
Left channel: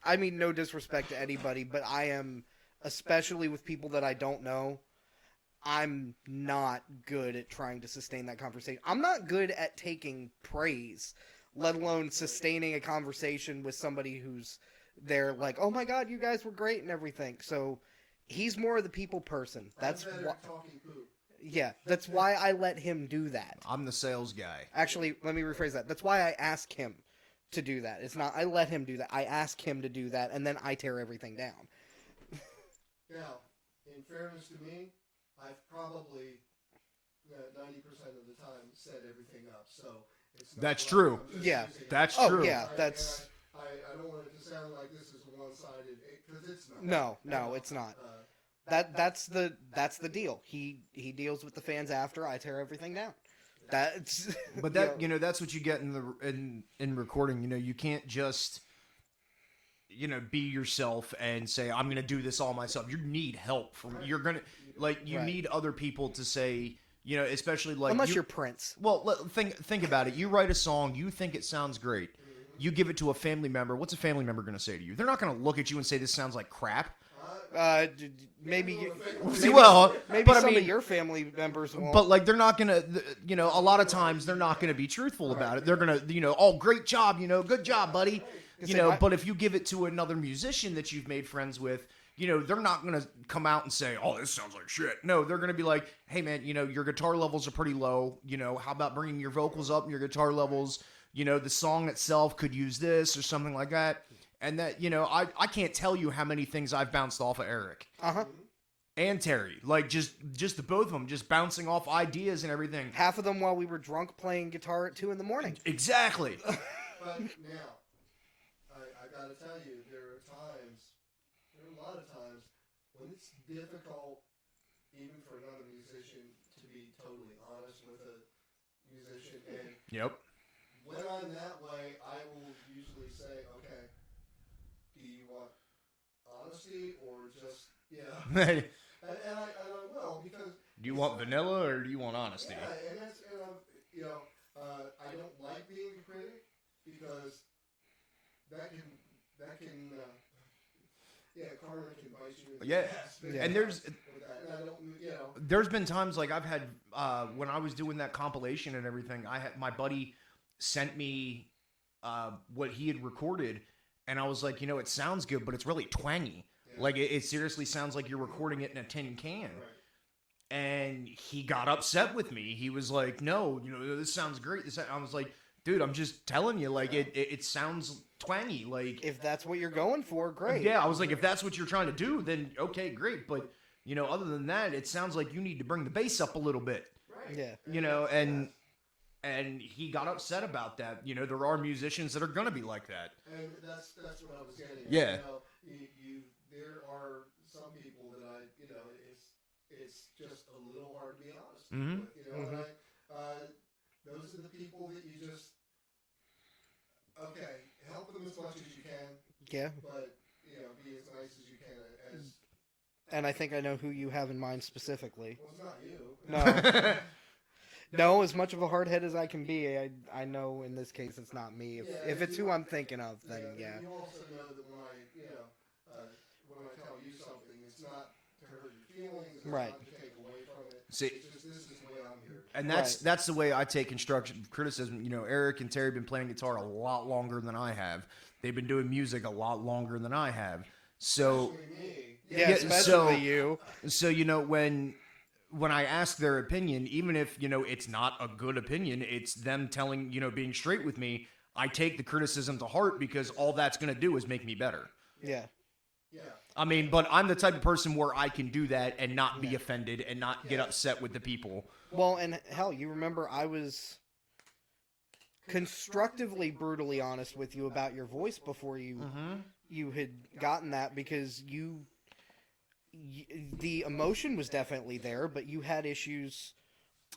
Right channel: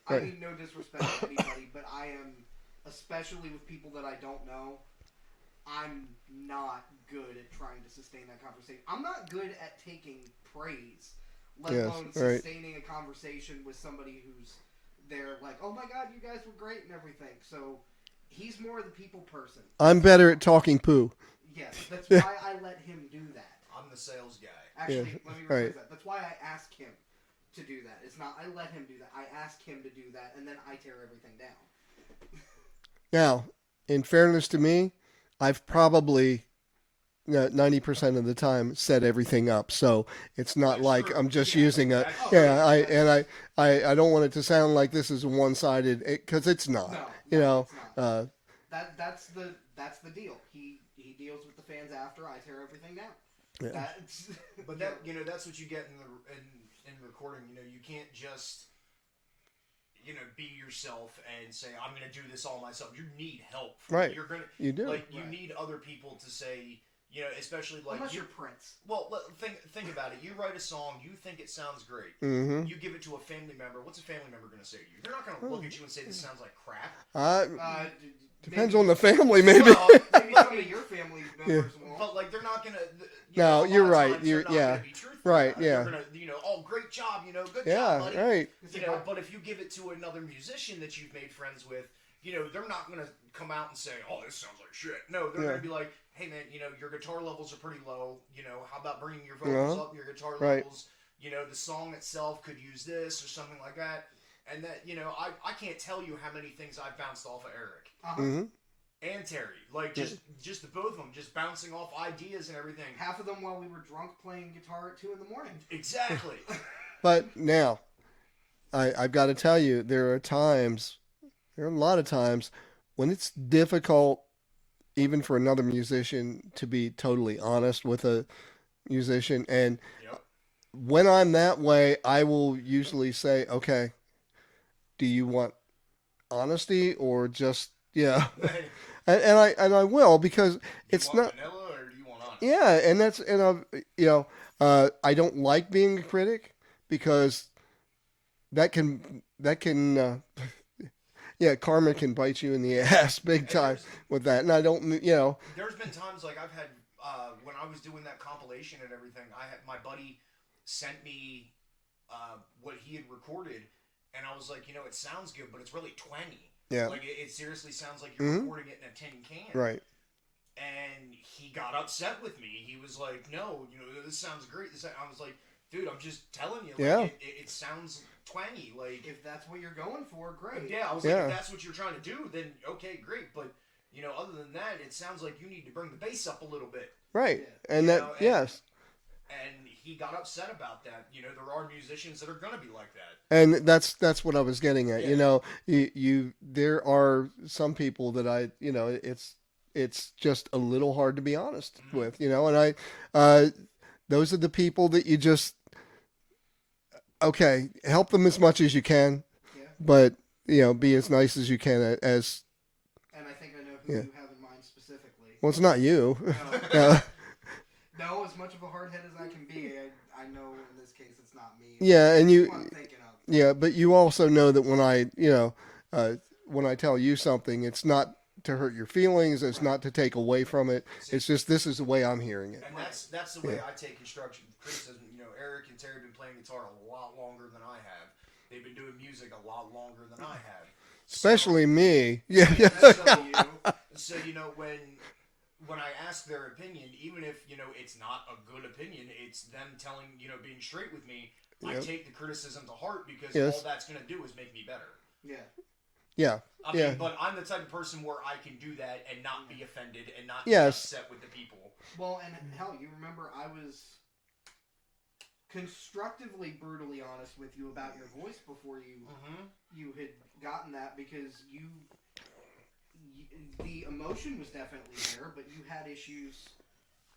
I mean, no disrespect to anybody, but I am, especially with people that I don't know, I'm not good at trying to sustain that conversation. I'm not good at taking praise, let alone sustaining a conversation with somebody who's there like, oh my God, you guys were great and everything. So... He's more of the people person. I'm better at talking poo. Yeah, that's why I let him do that. I'm the sales guy. Actually, let me rephrase that. That's why I ask him to do that. It's not I let him do that. I ask him to do that, and then I tear everything down. Now, in fairness to me, I've probably 90% of the time set everything up, so it's not That's like true. I'm just Yeah, using it. that's true. I don't want it to sound like this is one-sided, because it's not. No, it's not. That's the deal. He deals with the fans after I tear everything down. Yeah. That's But that's what you get in recording. You can't just be yourself and say I'm going to do this all myself. You need help. Right. You're gonna You do. you need other people to say, You know, especially like unless you're Prince. Well, think about it. You write a song, you think it sounds great. Mm-hmm. You give it to a family member. What's a family member going to say to you? They're not going to look at you and say this sounds like crap. Depends Maybe on the family, maybe. Well, maybe but I some mean, of your family members won't. but like they're not going to, you know, No, a lot of you're right. times they're not going to be truthful about it. Yeah. They're going to, you know, oh, great job, you know, good job, buddy. Right. You know, but if you give it to another musician that you've made friends with, you know, they're not going to come out and say, oh, this sounds like shit. No, they're going to be like, hey, man, you know, your guitar levels are pretty low. You know, how about bringing your vocals up, your guitar levels? You know, the song itself could use this or something like that. And that, you know, I can't tell you how many things I've bounced off of Eric. And Terry. Like, just the both of them, just bouncing off ideas and everything. Half of them while we were drunk playing guitar at 2 a.m. Exactly. But now, I've got to tell you, there are a lot of times when it's difficult, even for another musician, to be totally honest with a musician. And when I'm that way, I will usually say, okay, do you want honesty or just, and I will, because it's not vanilla or do you want honesty? Yeah, I don't like being a critic because that can karma can bite you in the ass big time with that. And I don't, There's been times like I've had when I was doing that compilation and everything. My buddy sent me what he had recorded, and I was like, you know, it sounds good, but it's really twangy. Yeah. Like it seriously sounds like you're recording it in a tin can. Right. And he got upset with me. He was like, "No, you know, this sounds great." I was like, "Dude, I'm just telling you, like, it sounds twangy. Like, if that's what you're going for, great." Yeah, I was like, if that's what you're trying to do, then okay, great. But you know, other than that, it sounds like you need to bring the bass up a little bit. Right. Yeah. And yes. And he got upset about that. You know, there are musicians that are going to be like that. And that's what I was getting at. Yeah. You know, you there are some people that it's just a little hard to be honest with, you know, and those are the people that you just, help them as much as you can. Yeah. But, you know, be as nice as you can as. And I think I know who you have in mind specifically. Well, it's not you. No, as much of a hardhead as I can be, I know in this case it's not me. Yeah, and who I'm thinking of. But you also know that when I tell you something, it's not to hurt your feelings. It's not to take away from it. See, it's just this is the way I'm hearing it. And that's the way I take constructive criticism. You know, Eric and Terry have been playing guitar a lot longer than I have. They've been doing music a lot longer than I have. So, especially me. Yeah, especially you. So, you know, when I ask their opinion, even if, you know, it's not a good opinion, it's them telling, you know, being straight with me, I take the criticism to heart because all that's going to do is make me better. Yeah. Yeah. I mean, but I'm the type of person where I can do that and not be offended and not be upset with the people. Well, and hell, you remember I was constructively brutally honest with you about your voice before you had gotten that, because the emotion was definitely there, but you had issues.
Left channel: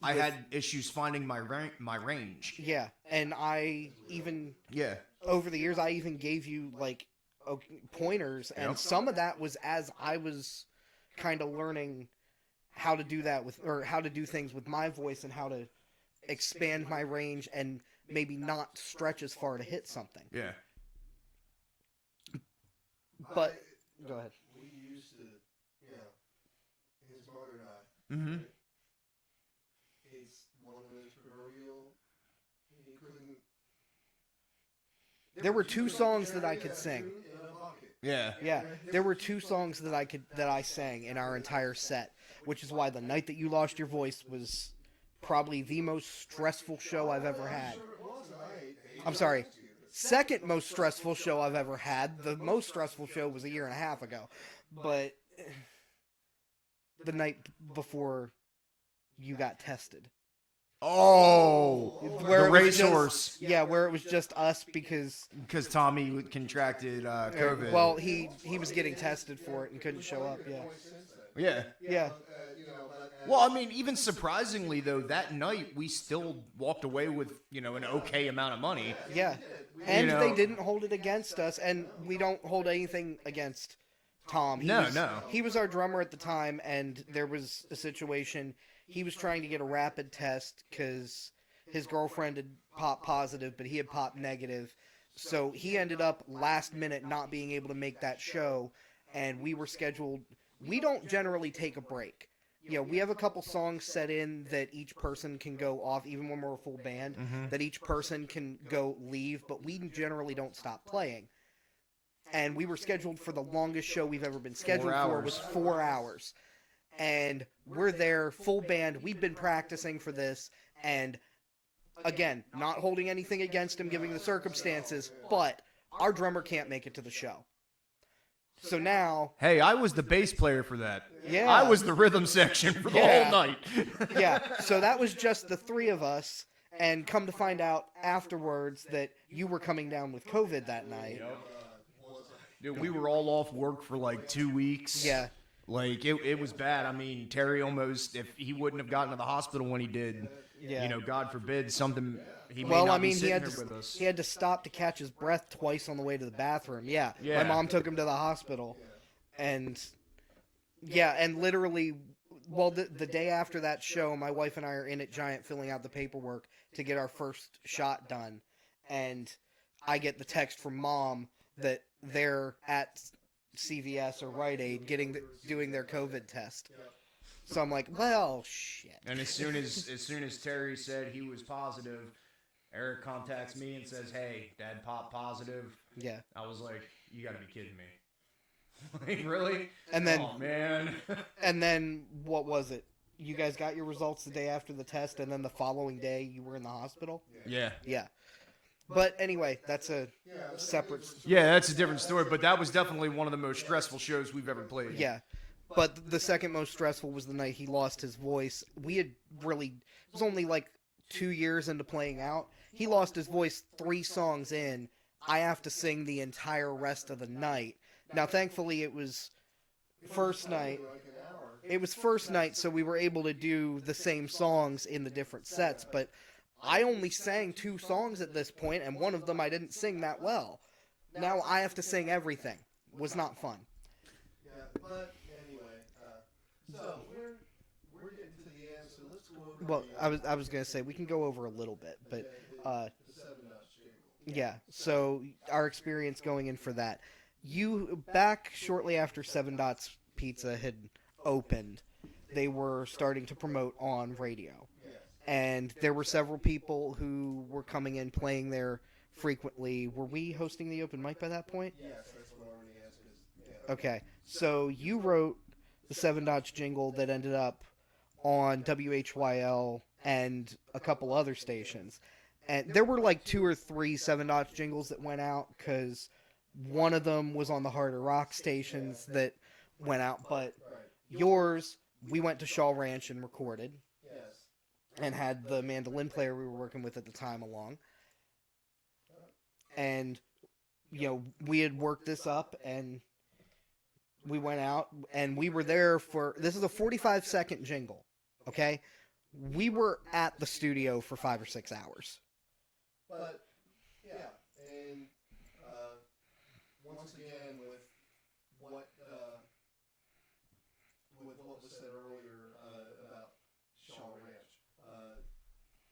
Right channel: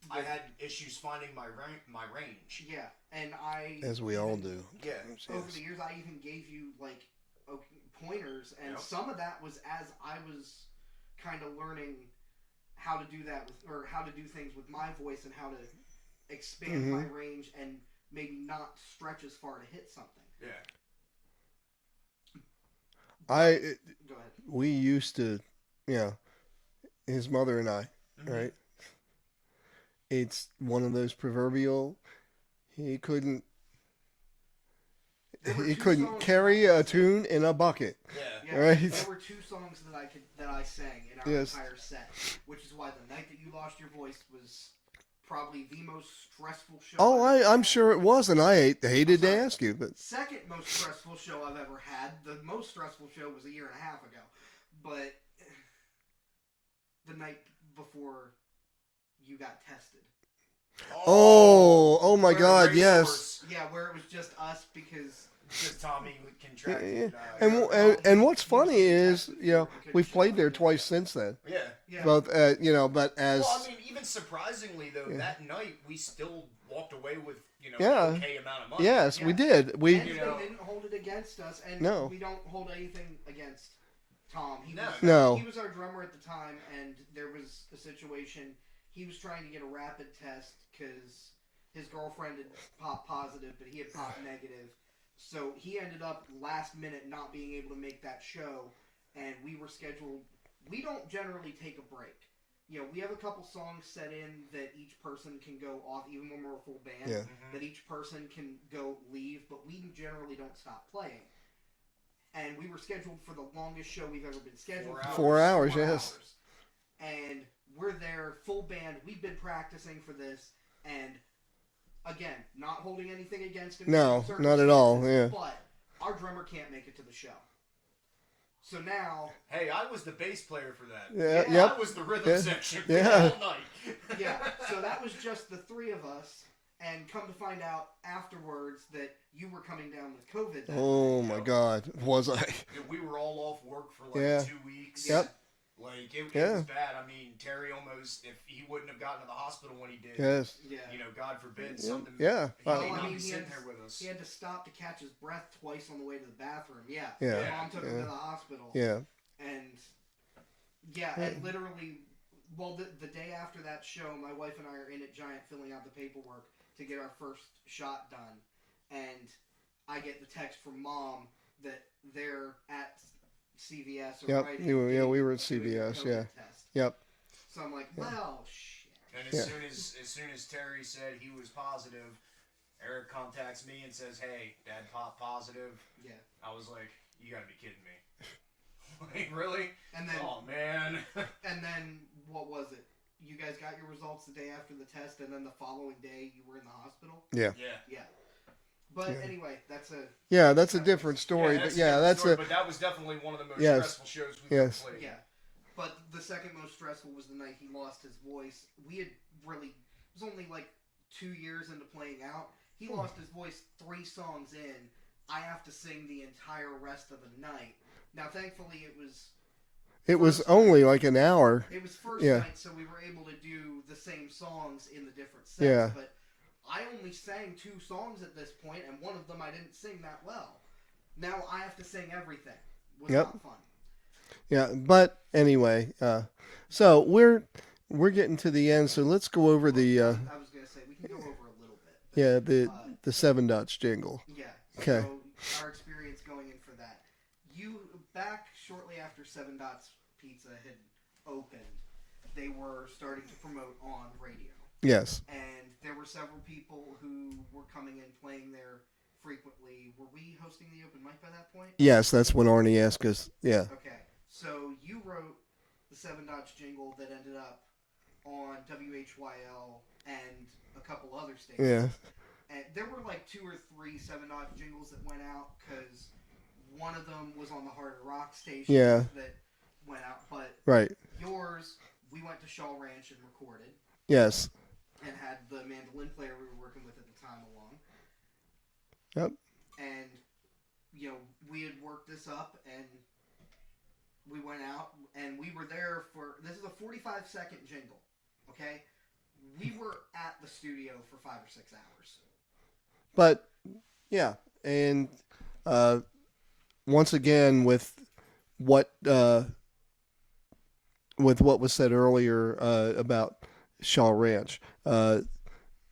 I had issues finding my range. Yeah, and as we all do. Yeah. Over the years, I even gave you like pointers, and some of that was as I was kind of learning how to do that or how to do things with my voice and how to expand my range and maybe not stretch as far to hit something. Yeah. Go ahead. We used to, his mother and I, right? It's one of those proverbial, he couldn't carry a tune in a bucket. Yeah. Right? There were 2 songs that I sang in our entire set, which is why the night that you lost your voice was probably the most stressful show. I'm sure it was, and I hated to ask you, but second most stressful show I've ever had. The most stressful show was a year and a half ago, but the night before you got tested. Oh my God! Yes. Yeah, where it was just us because Tommy contracted. And what's funny is, we played there twice since then. Yeah. Both, but as well, I mean, even surprisingly though, that night we still walked away with an okay amount of money. Yes, we did. They didn't hold it against us, and we don't hold anything against Tom. No. He was our drummer at the time, and there was a situation. he was trying to get a rapid test because his girlfriend had popped positive, but he had popped negative. So he ended up last minute not being able to make that show, and we were scheduled. We don't generally take a break. We have a couple songs set in that each person can go off, even when we're a full band, that each person can go leave, but we generally don't stop playing. And we were scheduled for the longest show we've ever been scheduled for. 4 hours, Four yes. hours. And we're there, full band. We've been practicing for this, and again, not holding anything against him given the circumstances, not at all. Yeah. but our drummer can't make it to the show. So now... Hey, I was the bass player for that. Yeah. I was the rhythm section for the whole night. Yeah, so that was just the three of us, and come to find out afterwards that you were coming down with COVID that night. Oh, my God. Was I? Dude, we were all off work for like 2 weeks. Yeah. Like, it was bad. I mean, Terry almost, if he wouldn't have gotten to the hospital when he did, Yes. Yeah. God forbid, something. Yeah. He may Well, not I be mean, he sitting had here with us. to stop to catch his breath twice on the way to the bathroom. Yeah. Yeah. My mom took him to the hospital. Yeah. And, and literally, well, the day after that show, my wife and I are in at Giant filling out the paperwork to get our first shot done. And I get the text from Mom that they're at CVS or Yep. Rite Aid we were at doing their CVS, COVID test. Yep. So I'm like, well, shit. And as soon as Terry said he was positive, Eric contacts me and says, "Hey, Dad popped positive." Yeah. I was like, "You gotta be kidding me!" Like, really? And then, Oh man. and then what was it? You guys got your results the day after the test, and then the following day you were in the hospital. Yeah. Yeah. But anyway, that's a That's a separate different story. Yeah, that's a different that's story, but that was definitely one of the most stressful shows we've ever played. yeah. But the second most stressful was the night he lost his voice. We had really, it was only like 2 years into playing out. He lost his voice 3 songs in. I have to sing the entire rest of the night. Now, thankfully, it was only like an hour. It was first night, so we were able to do the same songs in the different sets. Yeah. But I only sang 2 songs at this point, and one of them I didn't sing that well. Now I have to sing everything. It was not fun. Yeah, but anyway, so we're getting to the end, so let's go over the. I was going to say we can go over a little bit. But, the 7 Dutch jingle. Yeah. So our experience going in for that, you back shortly after 7 Dots Pizza had opened, they were starting to promote on radio. Yes. And there were several people who were coming in playing there frequently. Were we hosting the open mic by that point? Yes, that's when Arnie asked us. Yeah. Okay. So you wrote the 7 Dots jingle that ended up on WHYL and a couple other stations. Yeah. And there were like 2 or 3 7 Dots jingles that went out because one of them was on the Harder Rock stations that went out. But yours, we went to Shaw Ranch and recorded. Yes. And had the mandolin player we were working with at the time along. Yep. And, we had worked this up, and we went out, and we were there for... This is a 45-second jingle, okay? We were at the studio for 5 or 6 hours. But, yeah, and once again, with what was said earlier about Shaw Ranch,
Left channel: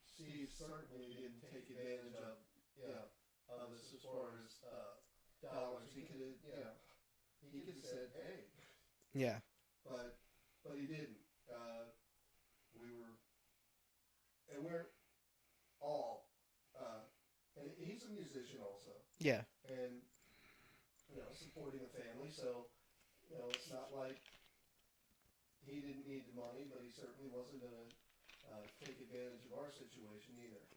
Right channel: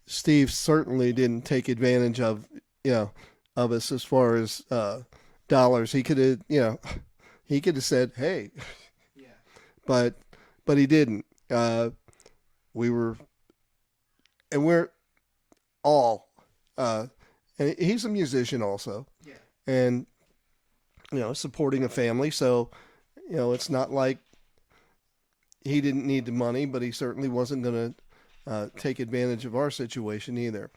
Steve certainly didn't take advantage of us as far as dollars. He could have said, "Hey," but he didn't. We're all, and he's a musician also. Yeah, and supporting a family, so it's not like he didn't need the money, but he certainly wasn't going to take advantage of our situation either.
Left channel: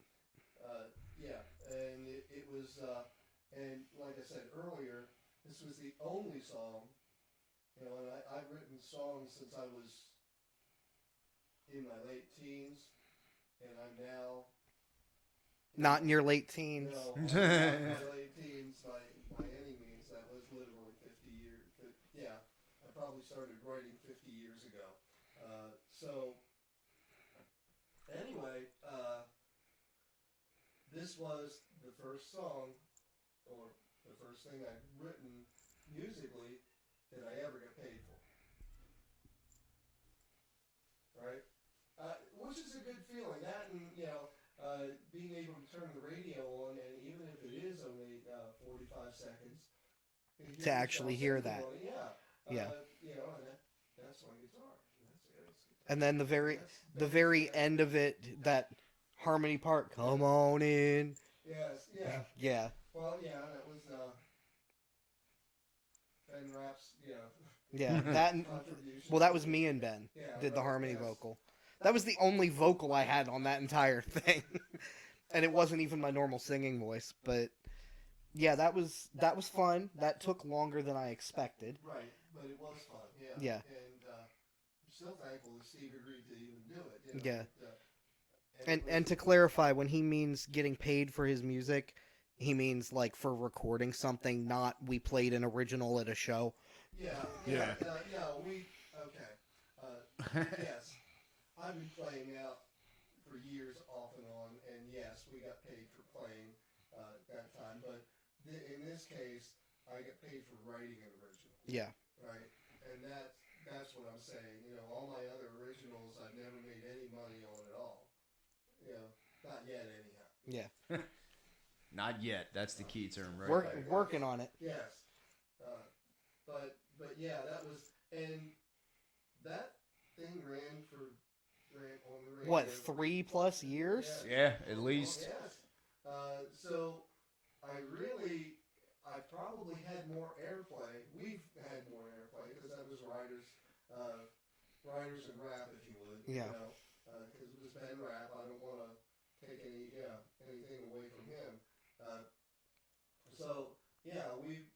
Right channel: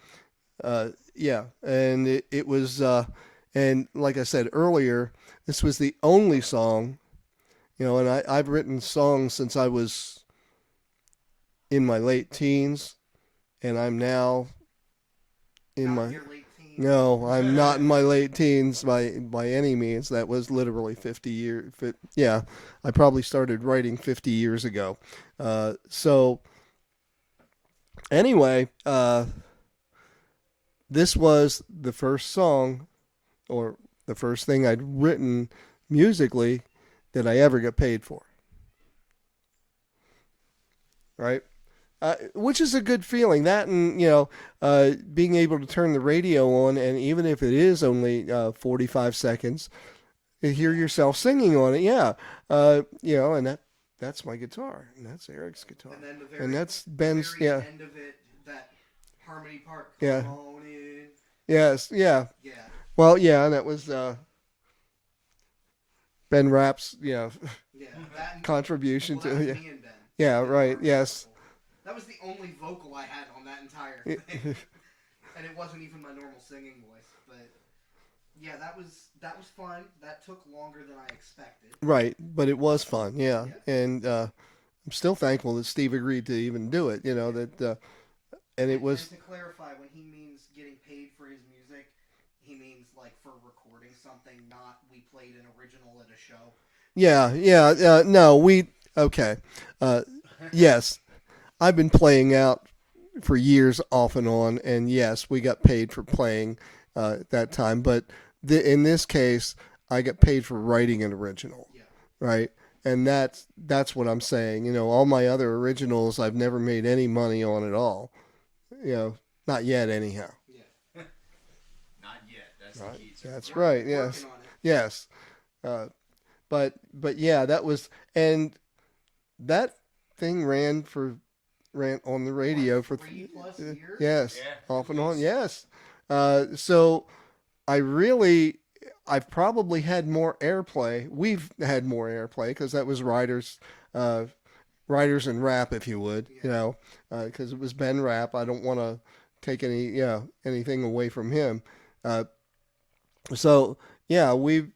And it was, and like I said earlier, this was the only song, and I've written songs since I was in my late teens, and I'm now in your late teens. No, I'm not in my late teens by any means. That was literally 50 years. Yeah, I probably started writing 50 years ago. So anyway, this was the first song, or the first thing I'd written musically that I ever got paid for. Right? which is a good feeling. That and being able to turn the radio on, and even if it is only 45 seconds, to hear yourself singing on it. Yeah, and that's my guitar, and that's Eric's guitar, and then and that's the Ben's. very end of it, that harmony part. Come on in. Yes. Yeah. Yeah. Well, yeah, that was Ben Rapp's. Yeah. That contribution. Well, that was me and Ben. Yeah. Right. Yes. Vocal. That was the only vocal I had on that entire thing, and it wasn't even my normal singing voice. But yeah, that was fun. That took longer than I expected. Right, but it was fun. Yeah. And I'm still thankful that Steve agreed to even do it. And it was. And to clarify, when he means getting paid for his music, he means like for recording something, not we played an original at a show. Yeah. No, okay. Yes, I've been playing out for years off and on, and yes, we got paid for playing at that time. But in this case, I got paid for writing an original. Yeah. Right. And that's what I'm saying. All my other originals, I've never made any money on at all. Not yet, anyhow. Yeah. Not yet. That's the key term. That's right. right. Yes. Working on it. Yes. But yeah, that was, and that thing ran on the radio what, for 3+ years. Yes. Yeah, off and least. on. Yes. So I've probably had more airplay. We've had more airplay because that was Writers and Rap, if you would, because it was Ben Rapp. I don't want to take anything away from him. So yeah, we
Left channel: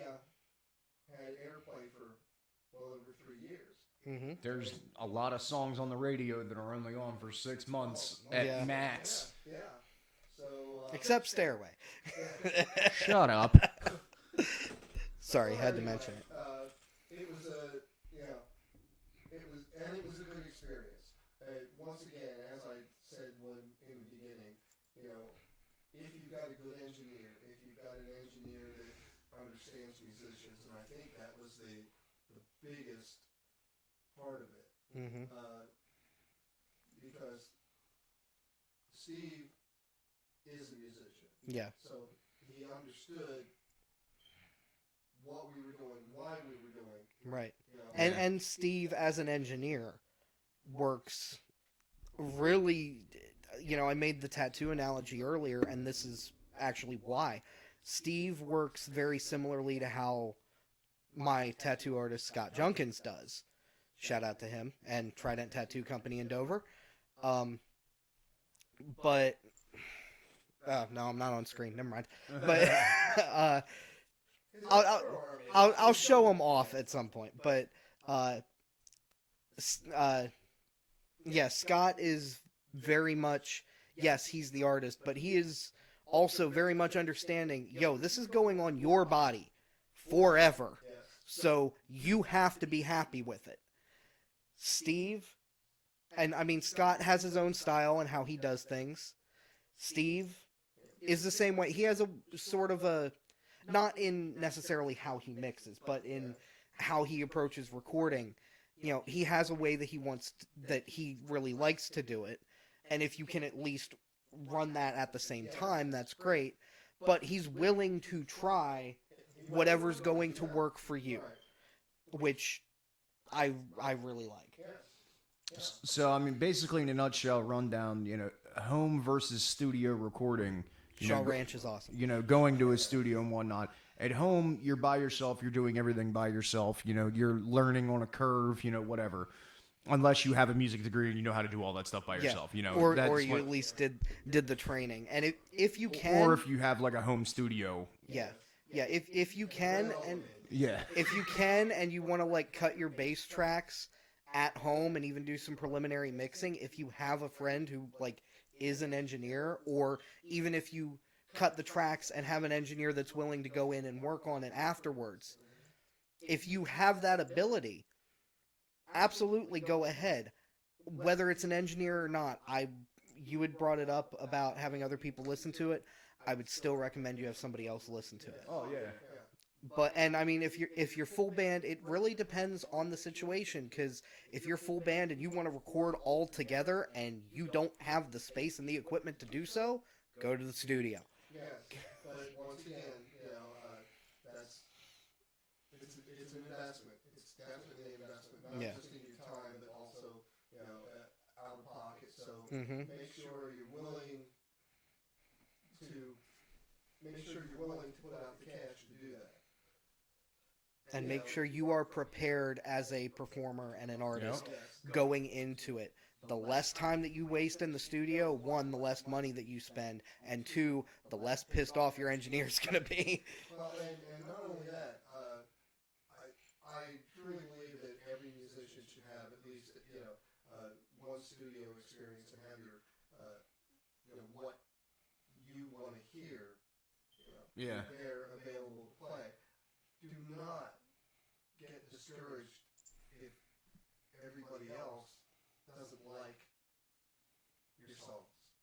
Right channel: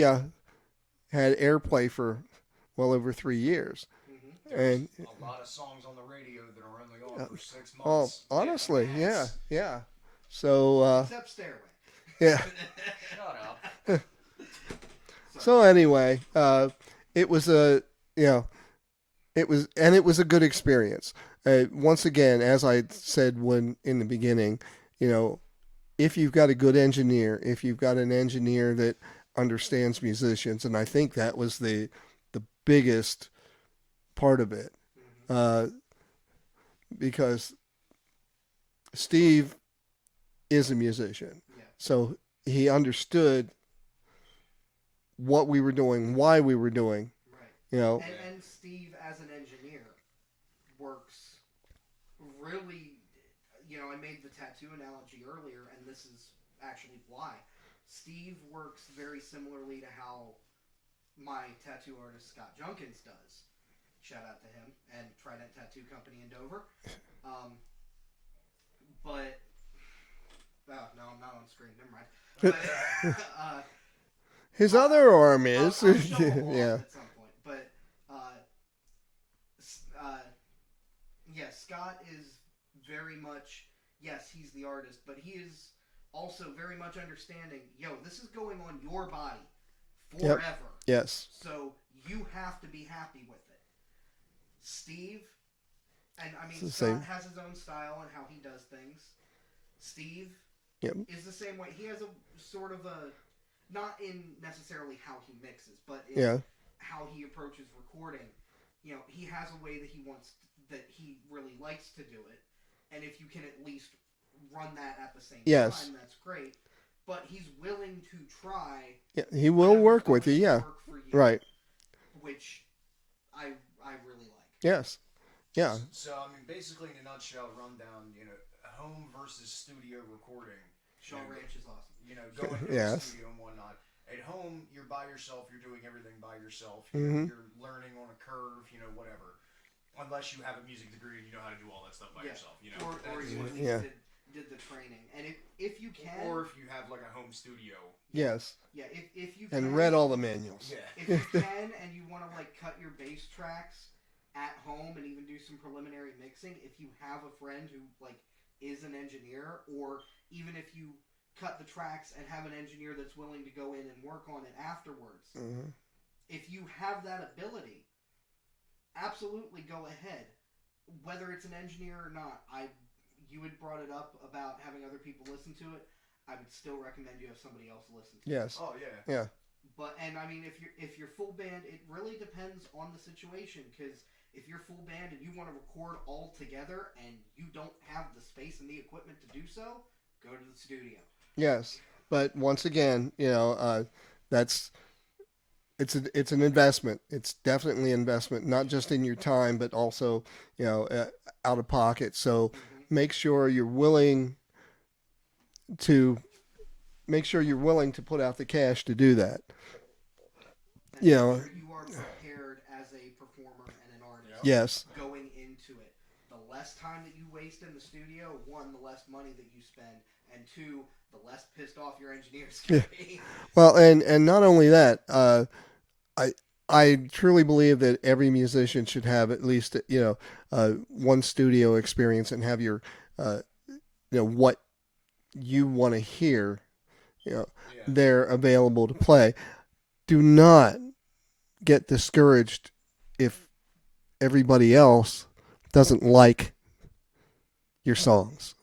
had airplay for well over 3 years. Mm-hmm. There's a lot of songs on the radio that are only on for 6 months. Oh, honestly, yeah. So except Stairway. Yeah. Shut up. Sorry. So anyway, it was a it was a good experience. Once again, as I said in the beginning, if you've got a good engineer, if you've got an engineer that understands musicians, and I think that was the biggest part of it, because Steve is a musician. Yeah. So he understood what we were doing, why we were doing. Right. And Steve, as an engineer, works really. I made the tattoo analogy earlier, and this is actually why. Steve works very similarly to how my tattoo artist Scott Junkins does. Shout out to him and Trident Tattoo Company in Dover. But no, I'm not on screen. Never mind. But his other arm is. I'll show him off at some point. But Scott is very much. Yes, he's the artist, but he is also very much understanding. This is going on your body forever. Yes. So you have to be happy with it. Steve, and I mean Scott has his own style and how he does things. Steve is the same way. He has a sort of a, not in necessarily how he mixes, but in how he approaches recording. He has a way that that he really likes to do it. And if you can at least run that at the same time, that's great. But he's willing to try. Yeah, he will work with you. Work for you, right? Which I really like. Yes. Yeah. So I mean, basically, in a nutshell, rundown. Home versus studio recording. Shaw Ranch is awesome. Going to a studio and whatnot. At home, you're by yourself. You're doing everything by yourself. You're learning on a curve. Whatever. Unless you have a music degree and you know how to do all that stuff by yourself, or you at least did the training, and if you can, or if you have like a home studio, if you can, and read all the manuals, if you can, and you want to like cut your bass tracks at home and even do some preliminary mixing, if you have a friend who like is an engineer, or even if you cut the tracks and have an engineer that's willing to go in and work on it afterwards, if you have that ability. Absolutely, go ahead. Whether it's an engineer or not, you had brought it up about having other people listen to it. I would still recommend you have somebody else listen to it. Yes. Oh, yeah. But and I mean, if you're full band, it really depends on the situation. Because if you're full band and you want to record all together and you don't have the space and the equipment to do so, go to the studio. Yes, but once again, that's it's an investment. It's definitely an investment, not just in your time, but also out of pocket. So make sure you're willing to put out the cash to do that. And make sure you are prepared as a performer and an artist. Yes. Going into it. The less time that you waste in the studio, one, the less money that you spend, and two, the less pissed off your engineer's going to be. Well, and not only that, I truly believe that every musician should have at least one studio experience and have your what you want to hear they're available to play. Do not get discouraged if everybody else doesn't like your songs,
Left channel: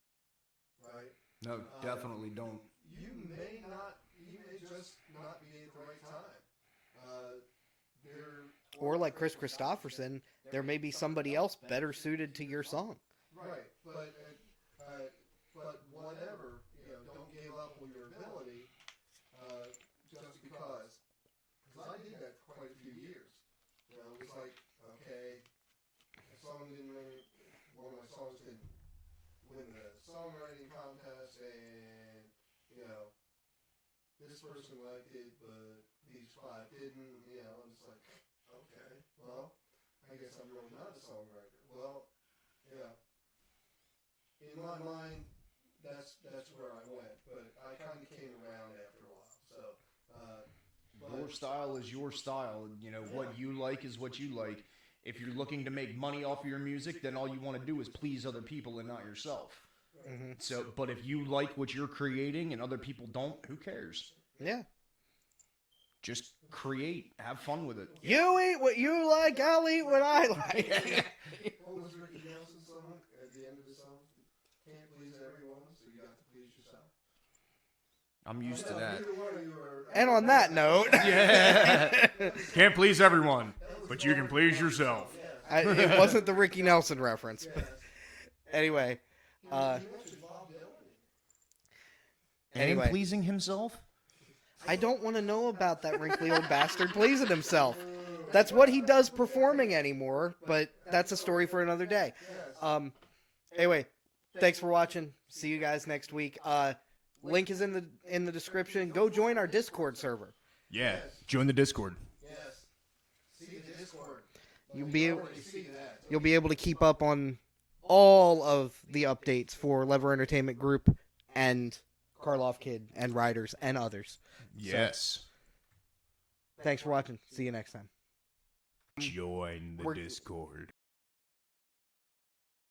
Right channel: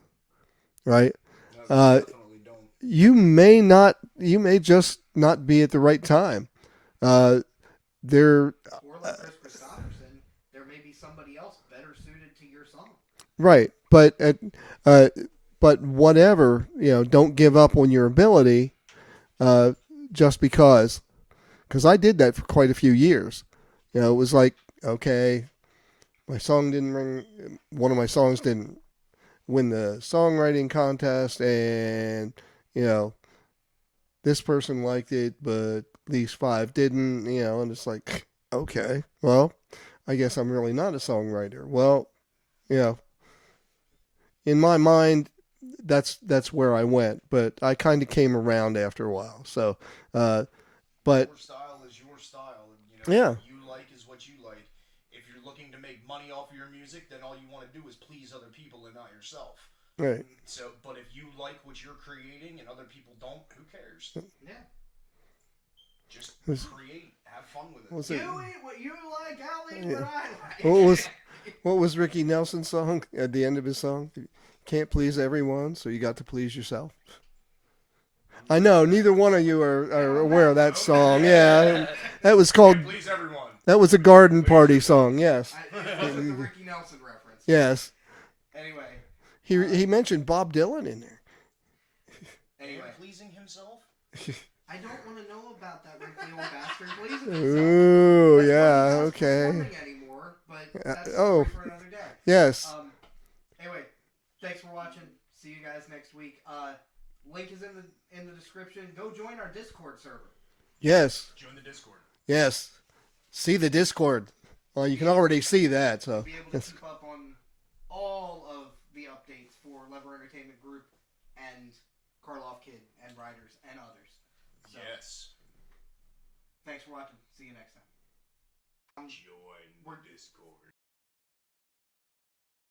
right? No, definitely don't. You may just not be at the right time. There, or like Chris Christopherson, there may be somebody else better suited to your song. Right, but whatever, don't give up on your ability just because I did that for quite a few years. It was like, okay, my song didn't ring, one of my songs didn't win the songwriting contest, and this person liked it, but these 5 didn't, and it's like, okay, well, I guess I'm really not a songwriter. Well, in my mind, that's where I went, but I kind of came around after a while. So, but your style is your style. What you like is what you like. If you're looking to make money off of your music, then all you want to do is please other people and not yourself. Right. So, but if you like what you're creating and other people don't, who cares? Yeah. Just create, have fun with it. You eat what you like, I'll eat what I like. What was Ricky Nelson's song at the end of his song? Can't please everyone, so you got to please yourself. I know neither one of you are aware of that song. Yeah, that was called. Can't please everyone. That was a garden party song. Yes, it wasn't the Ricky Nelson reference. Yes. Anyway, he mentioned Bob Dylan in there. And pleasing himself. I don't want to know about that wrinkly old bastard pleasing himself. Ooh, that's what he does performing anymore, but that's a story for another day. Yes. Anyway, thanks for watching. See you guys next week. Link is in the description. Go join our Discord server. Yeah. Yes. Join the Discord. Yes. See the Discord. Well, you can already see that. So. You'll be able to keep up on all of the updates for Lever Entertainment Group and Karloff Kid and Riders and others. Yes. So, thanks for watching. See you next time. Join the Discord.